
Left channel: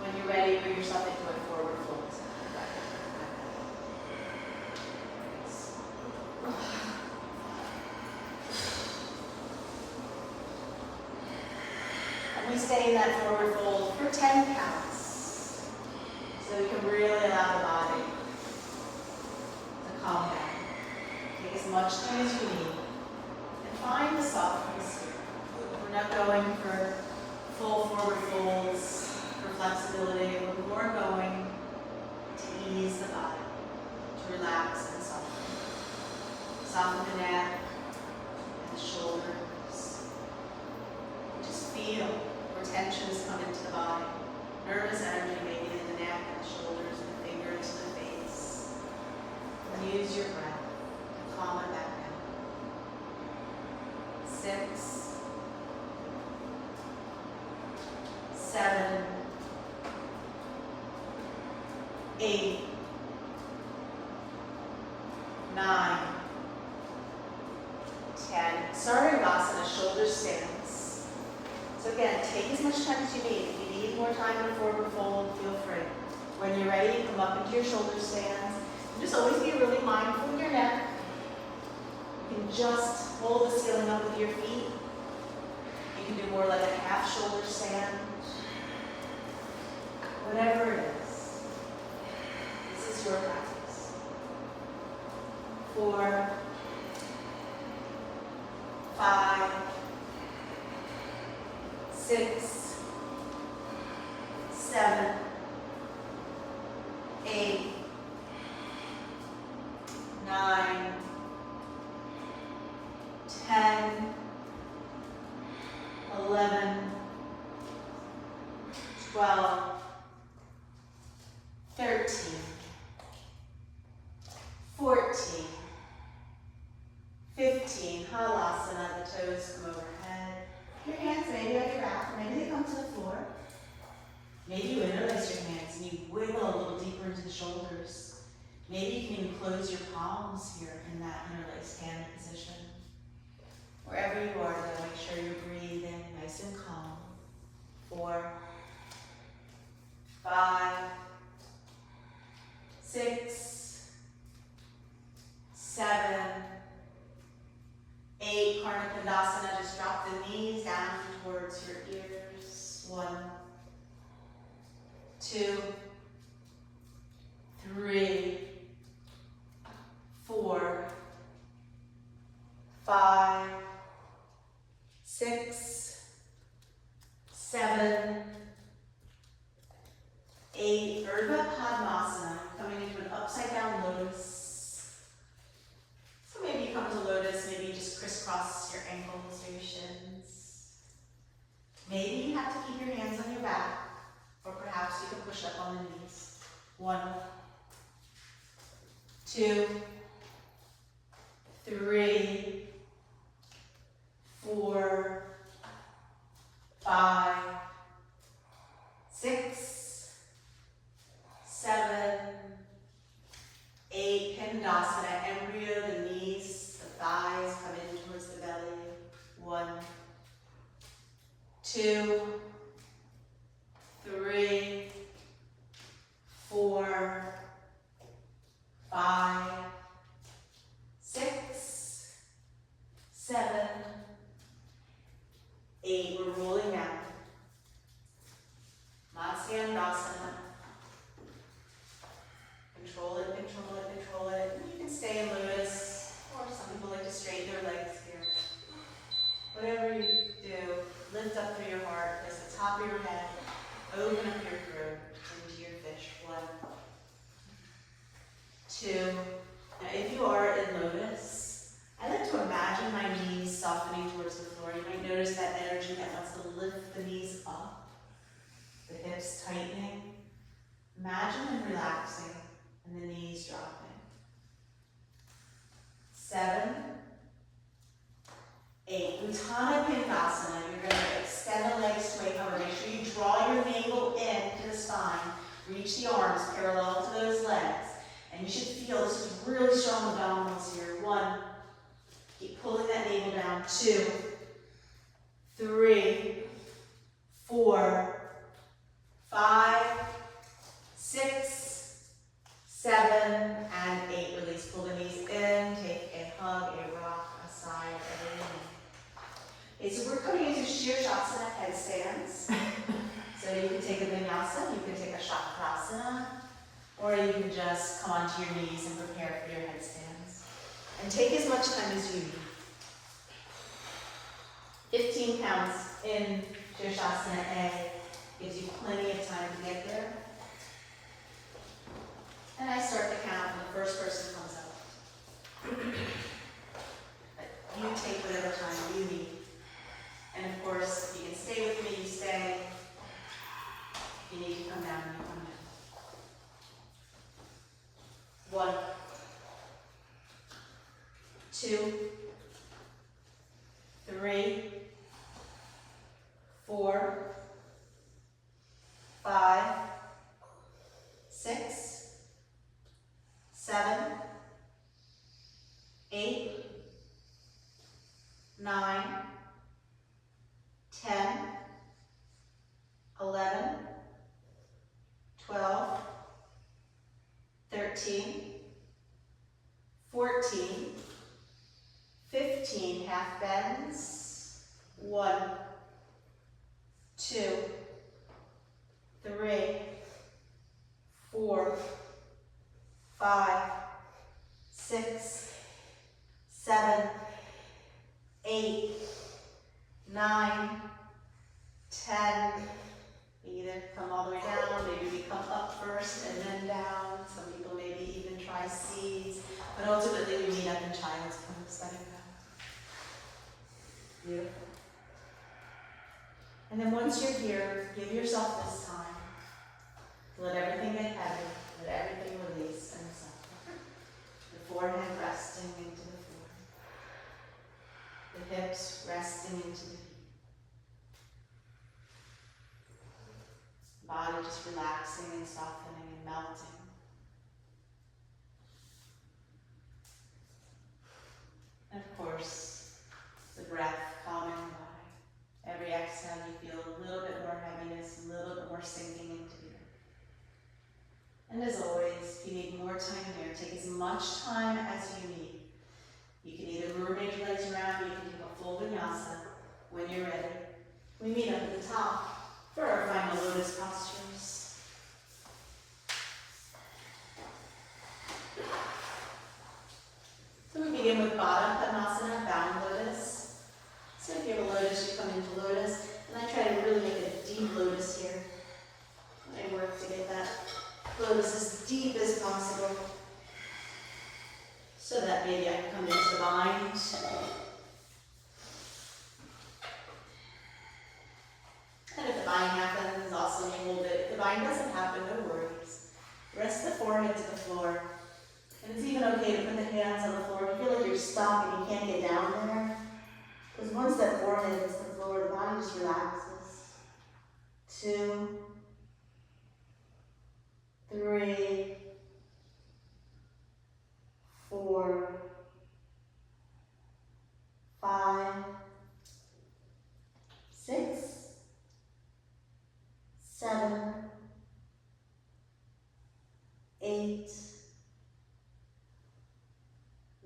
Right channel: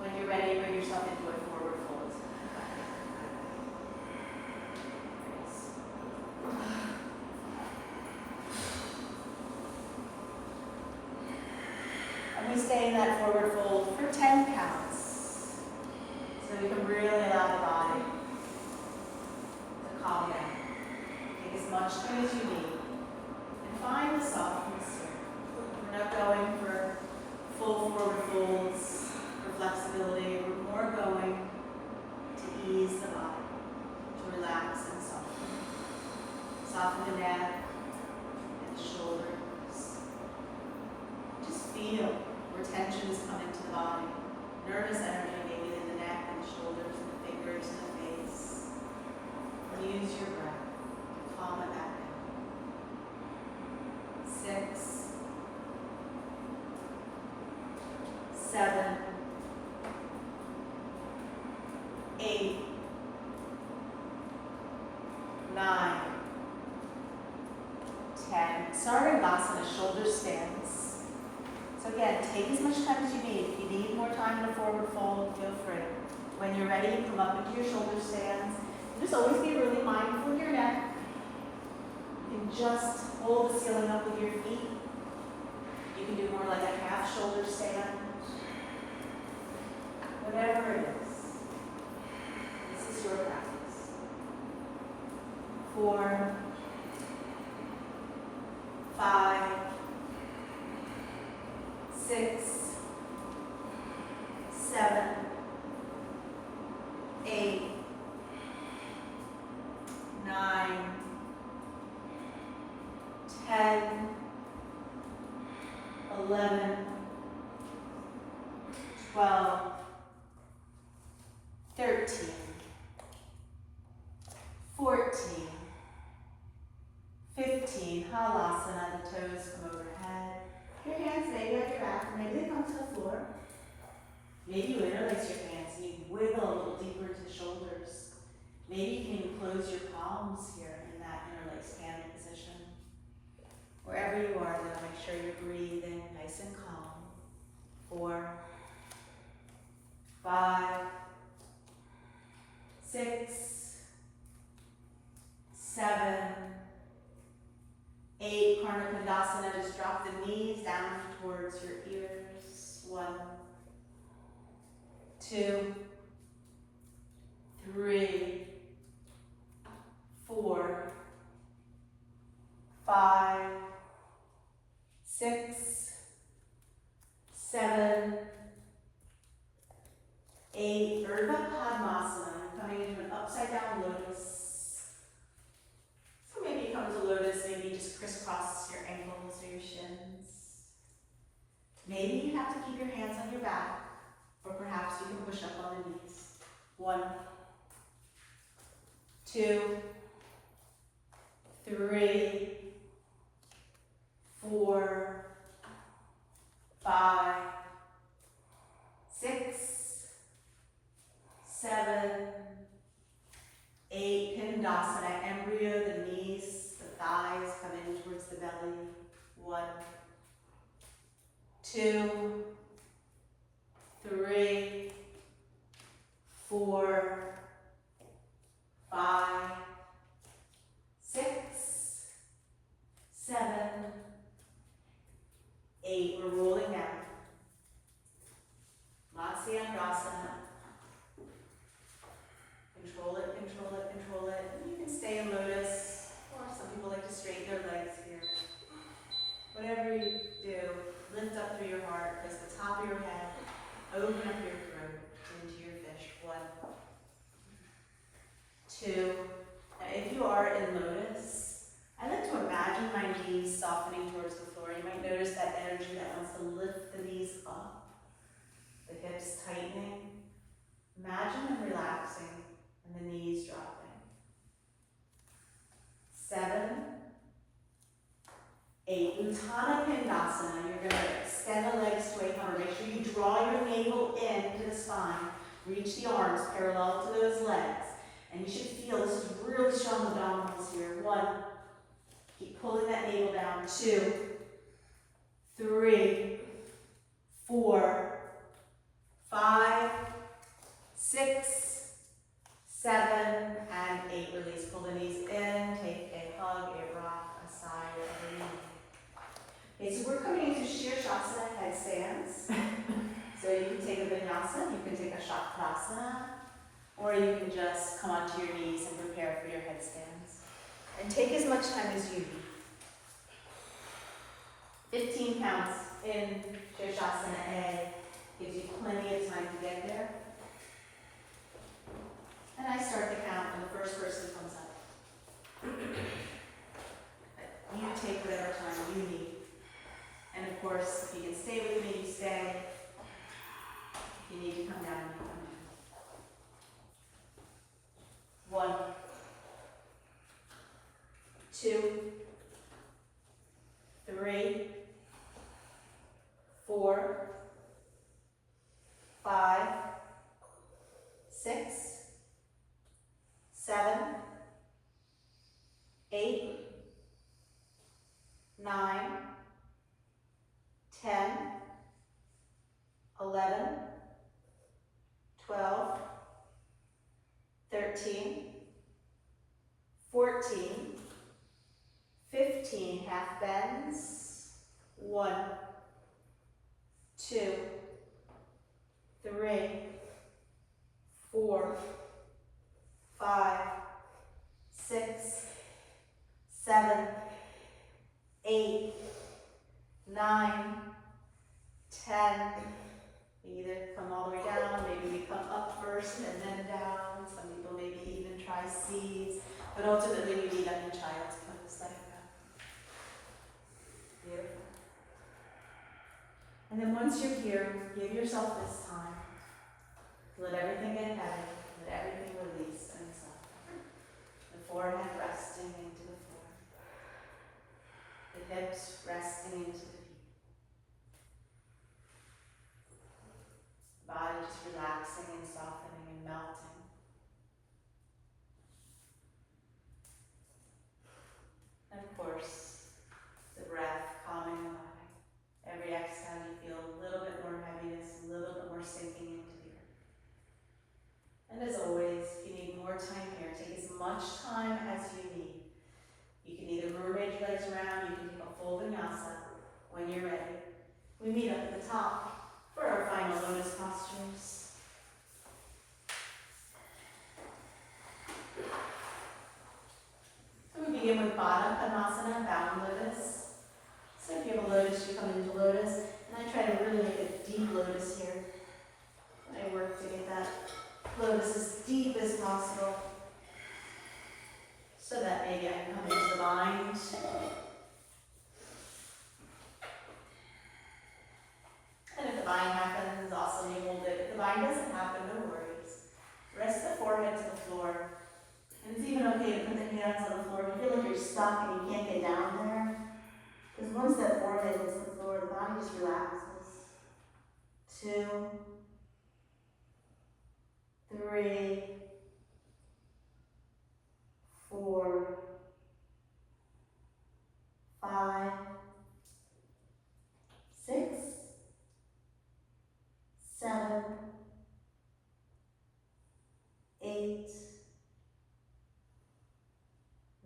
When you're ready, bring yourself into a forward fold. And we stay in that forward fold for 10 counts. So you can really allow the body to calm down. Take as much time as you need. And find the softness. We're not going for full forward folds for flexibility. We're more going to ease the body, to relax and soften. Soften the neck and the shoulders. Just feel where tensions come into the body. Nervous energy maybe in the neck and the shoulders and the fingers and the face. And use your breath to calm it back down. 6, 7, 8, 9, 10. Sarvangasana, shoulder stands. So again, take as much time as you need. If you need more time in a forward fold, feel free. When you're ready, come up into your shoulder stands. And just always be really mindful of your neck. You can just hold the ceiling up with your feet. You can do more like a half shoulder stand. Whatever it is. This is your practice. 4, 5, 6, 7, 8, 9, 10, 11, 12, 13, 14, 15, halasana, the toes come overhead. Your hands maybe at your back, maybe they come to the floor. Maybe you interlace your hands and you wiggle a little deeper into the shoulders. Maybe you can even close your palms here in that interlaced hand position. Wherever you are, now make sure you're breathing nice and calm. 4, 5, 6, 7, 8, Karma Kandasana, just drop the knees down towards your ears. 1, 2, 3, 4, 5, 6, 7, 8, Urdhva Padmasana, coming into an upside down lotus. So maybe you come to lotus, maybe you just crisscross your ankles, do your shins. Maybe you have to keep your hands on your back, or perhaps you can push up on the knees. 1, 2, 3, 4, 5, 6, 7, 8, Pindasana, embryo, the knees, the thighs come in towards the belly. 1, 2, 3, 4, 5, 6, 7, 8. We're rolling down. Matsyasana. Control it, control it, control it. And you can stay in lotus, or some people like to straighten their legs here. Whatever you do, lift up through your heart, place the top of your head, open up your throat into your fish. 1, 2, and if you are in lotus, I like to imagine my knees softening towards the floor. You might notice that energy that wants to lift the knees up, the hips tightening. Imagine them relaxing and the knees dropping. 7, 8, Uttana Pindasana. You're going to extend the legs to a hover. Make sure you draw your navel into the spine. Reach the arms parallel to those legs. And you should feel this is really strong abdominals here. 1, keep pulling that navel down. 2, 3, 4, 5, 6, 7, and 8. Release. Pull the knees in. Take a hug, a rock, a sigh, whatever you need. Okay, so we're coming into Shirshasana headstands. So you can take a vinyasa, you can take a Shavasana, or you can just come onto your knees and prepare for your headstands. And take as much time as you need. 15 counts in Shirshasana A gives you plenty of time to get there. And I start to count when the first person comes up. You take whatever time you need. And of course, if you can stay with me, you stay. If you need to come down, you come down. 1, 2, 3, 4, 5, 6, 7, 8, 9, 10, Maybe half bends. 1, 2, 3, 4, 5, 6, 7, 8, 9, 10. We either come all the way down, maybe we come up first and then down. Some people maybe even try C's, but ultimately we meet up in child's pose. Let it go. Beautiful. And then once you're here, give yourself this time to let everything get heavy, let everything release and soften. The forehead resting into the floor. The hips resting into the feet. Body just relaxing and softening and melting. And of course, the breath calming the body. Every exhale you feel a little bit more heaviness, a little bit more sinking into the earth. And as always, if you need more time here, take as much time as you need. You can either mermaid your legs around, you can take a full vinyasa when you're ready. We meet up at the top for our final lotus postures. So we begin with Baddha Padmasana, bound lotus. So if you have a lotus, you come into lotus, and I try to really make a deep lotus here. And I work to get that lotus as deep as possible, so that maybe I can come into the bind. And if the bind happens, awesome, you hold it. If the bind doesn't happen, no worries. Rest the forehead to the floor. And it's even okay to put the hands on the floor. If you feel like you're stuck and you can't get down there, because once that forehead hits the floor, the body just relaxes. 2, 3, 4, 5, 6, 7, 8,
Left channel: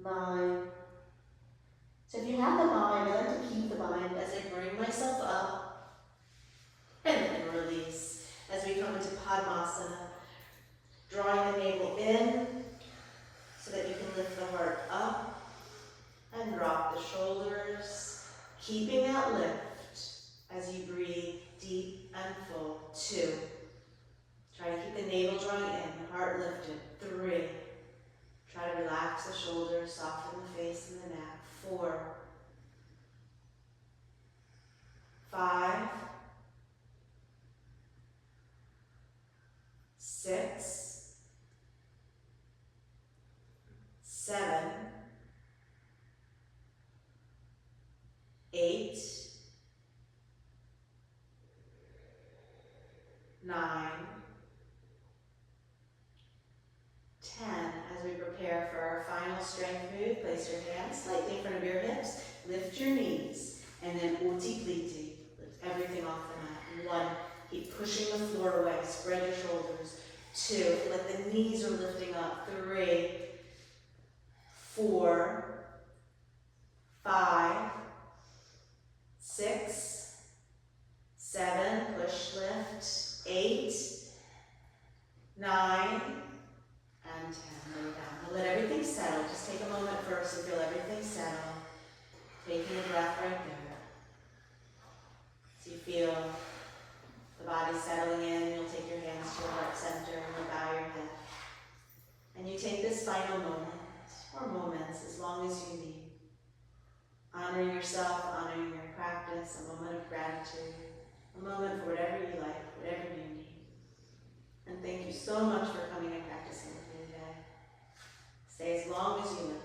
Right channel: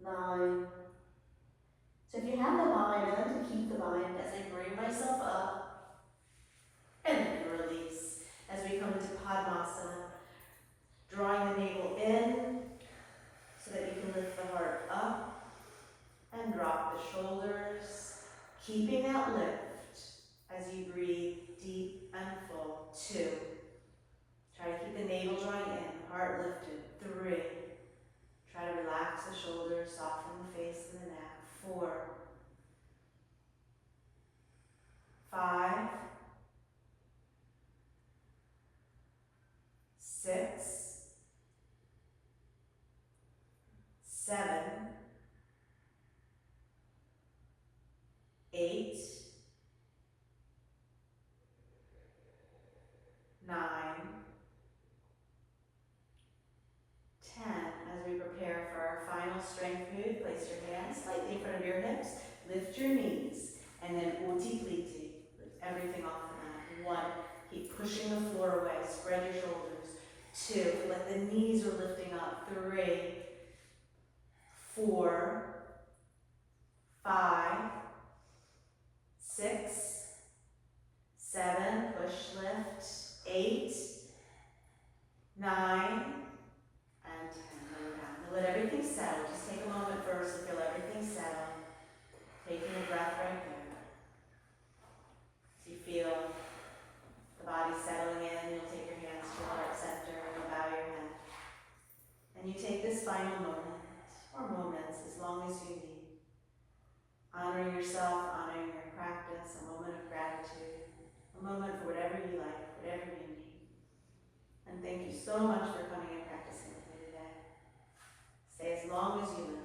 9. So if you have the bind, I like to keep the bind as I bring myself up and then release as we come into Padmasana. Drawing the navel in so that you can lift the heart up and drop the shoulders, keeping that lift as you breathe deep and full. 2. Try to keep the navel drawing in, the heart lifted. 3. Try to relax the shoulders, soften the face and the neck. 4, 5, 6, 7, 8, 9, 10. As we prepare for our final strength move, place your hands slightly in front of your hips, lift your knees, and then uti pliti. Lift everything off the mat. 1, keep pushing the floor away, spread your shoulders. 2, feel like the knees are lifting up. 3, 4, 5, 6, 7, push, lift, 8, 9, and 10. Lower down. Now let everything settle. Just take a moment first to feel everything settle. Taking a breath right there. So you feel the body settling in, you'll take your hands to your heart center and you'll bow your head. And you take this final moment, or moments, as long as you need. Honoring yourself, honoring your practice, a moment of gratitude, a moment for whatever you like, whatever you need. And thank you so much for coming and practicing with me today. Stay as long as you like.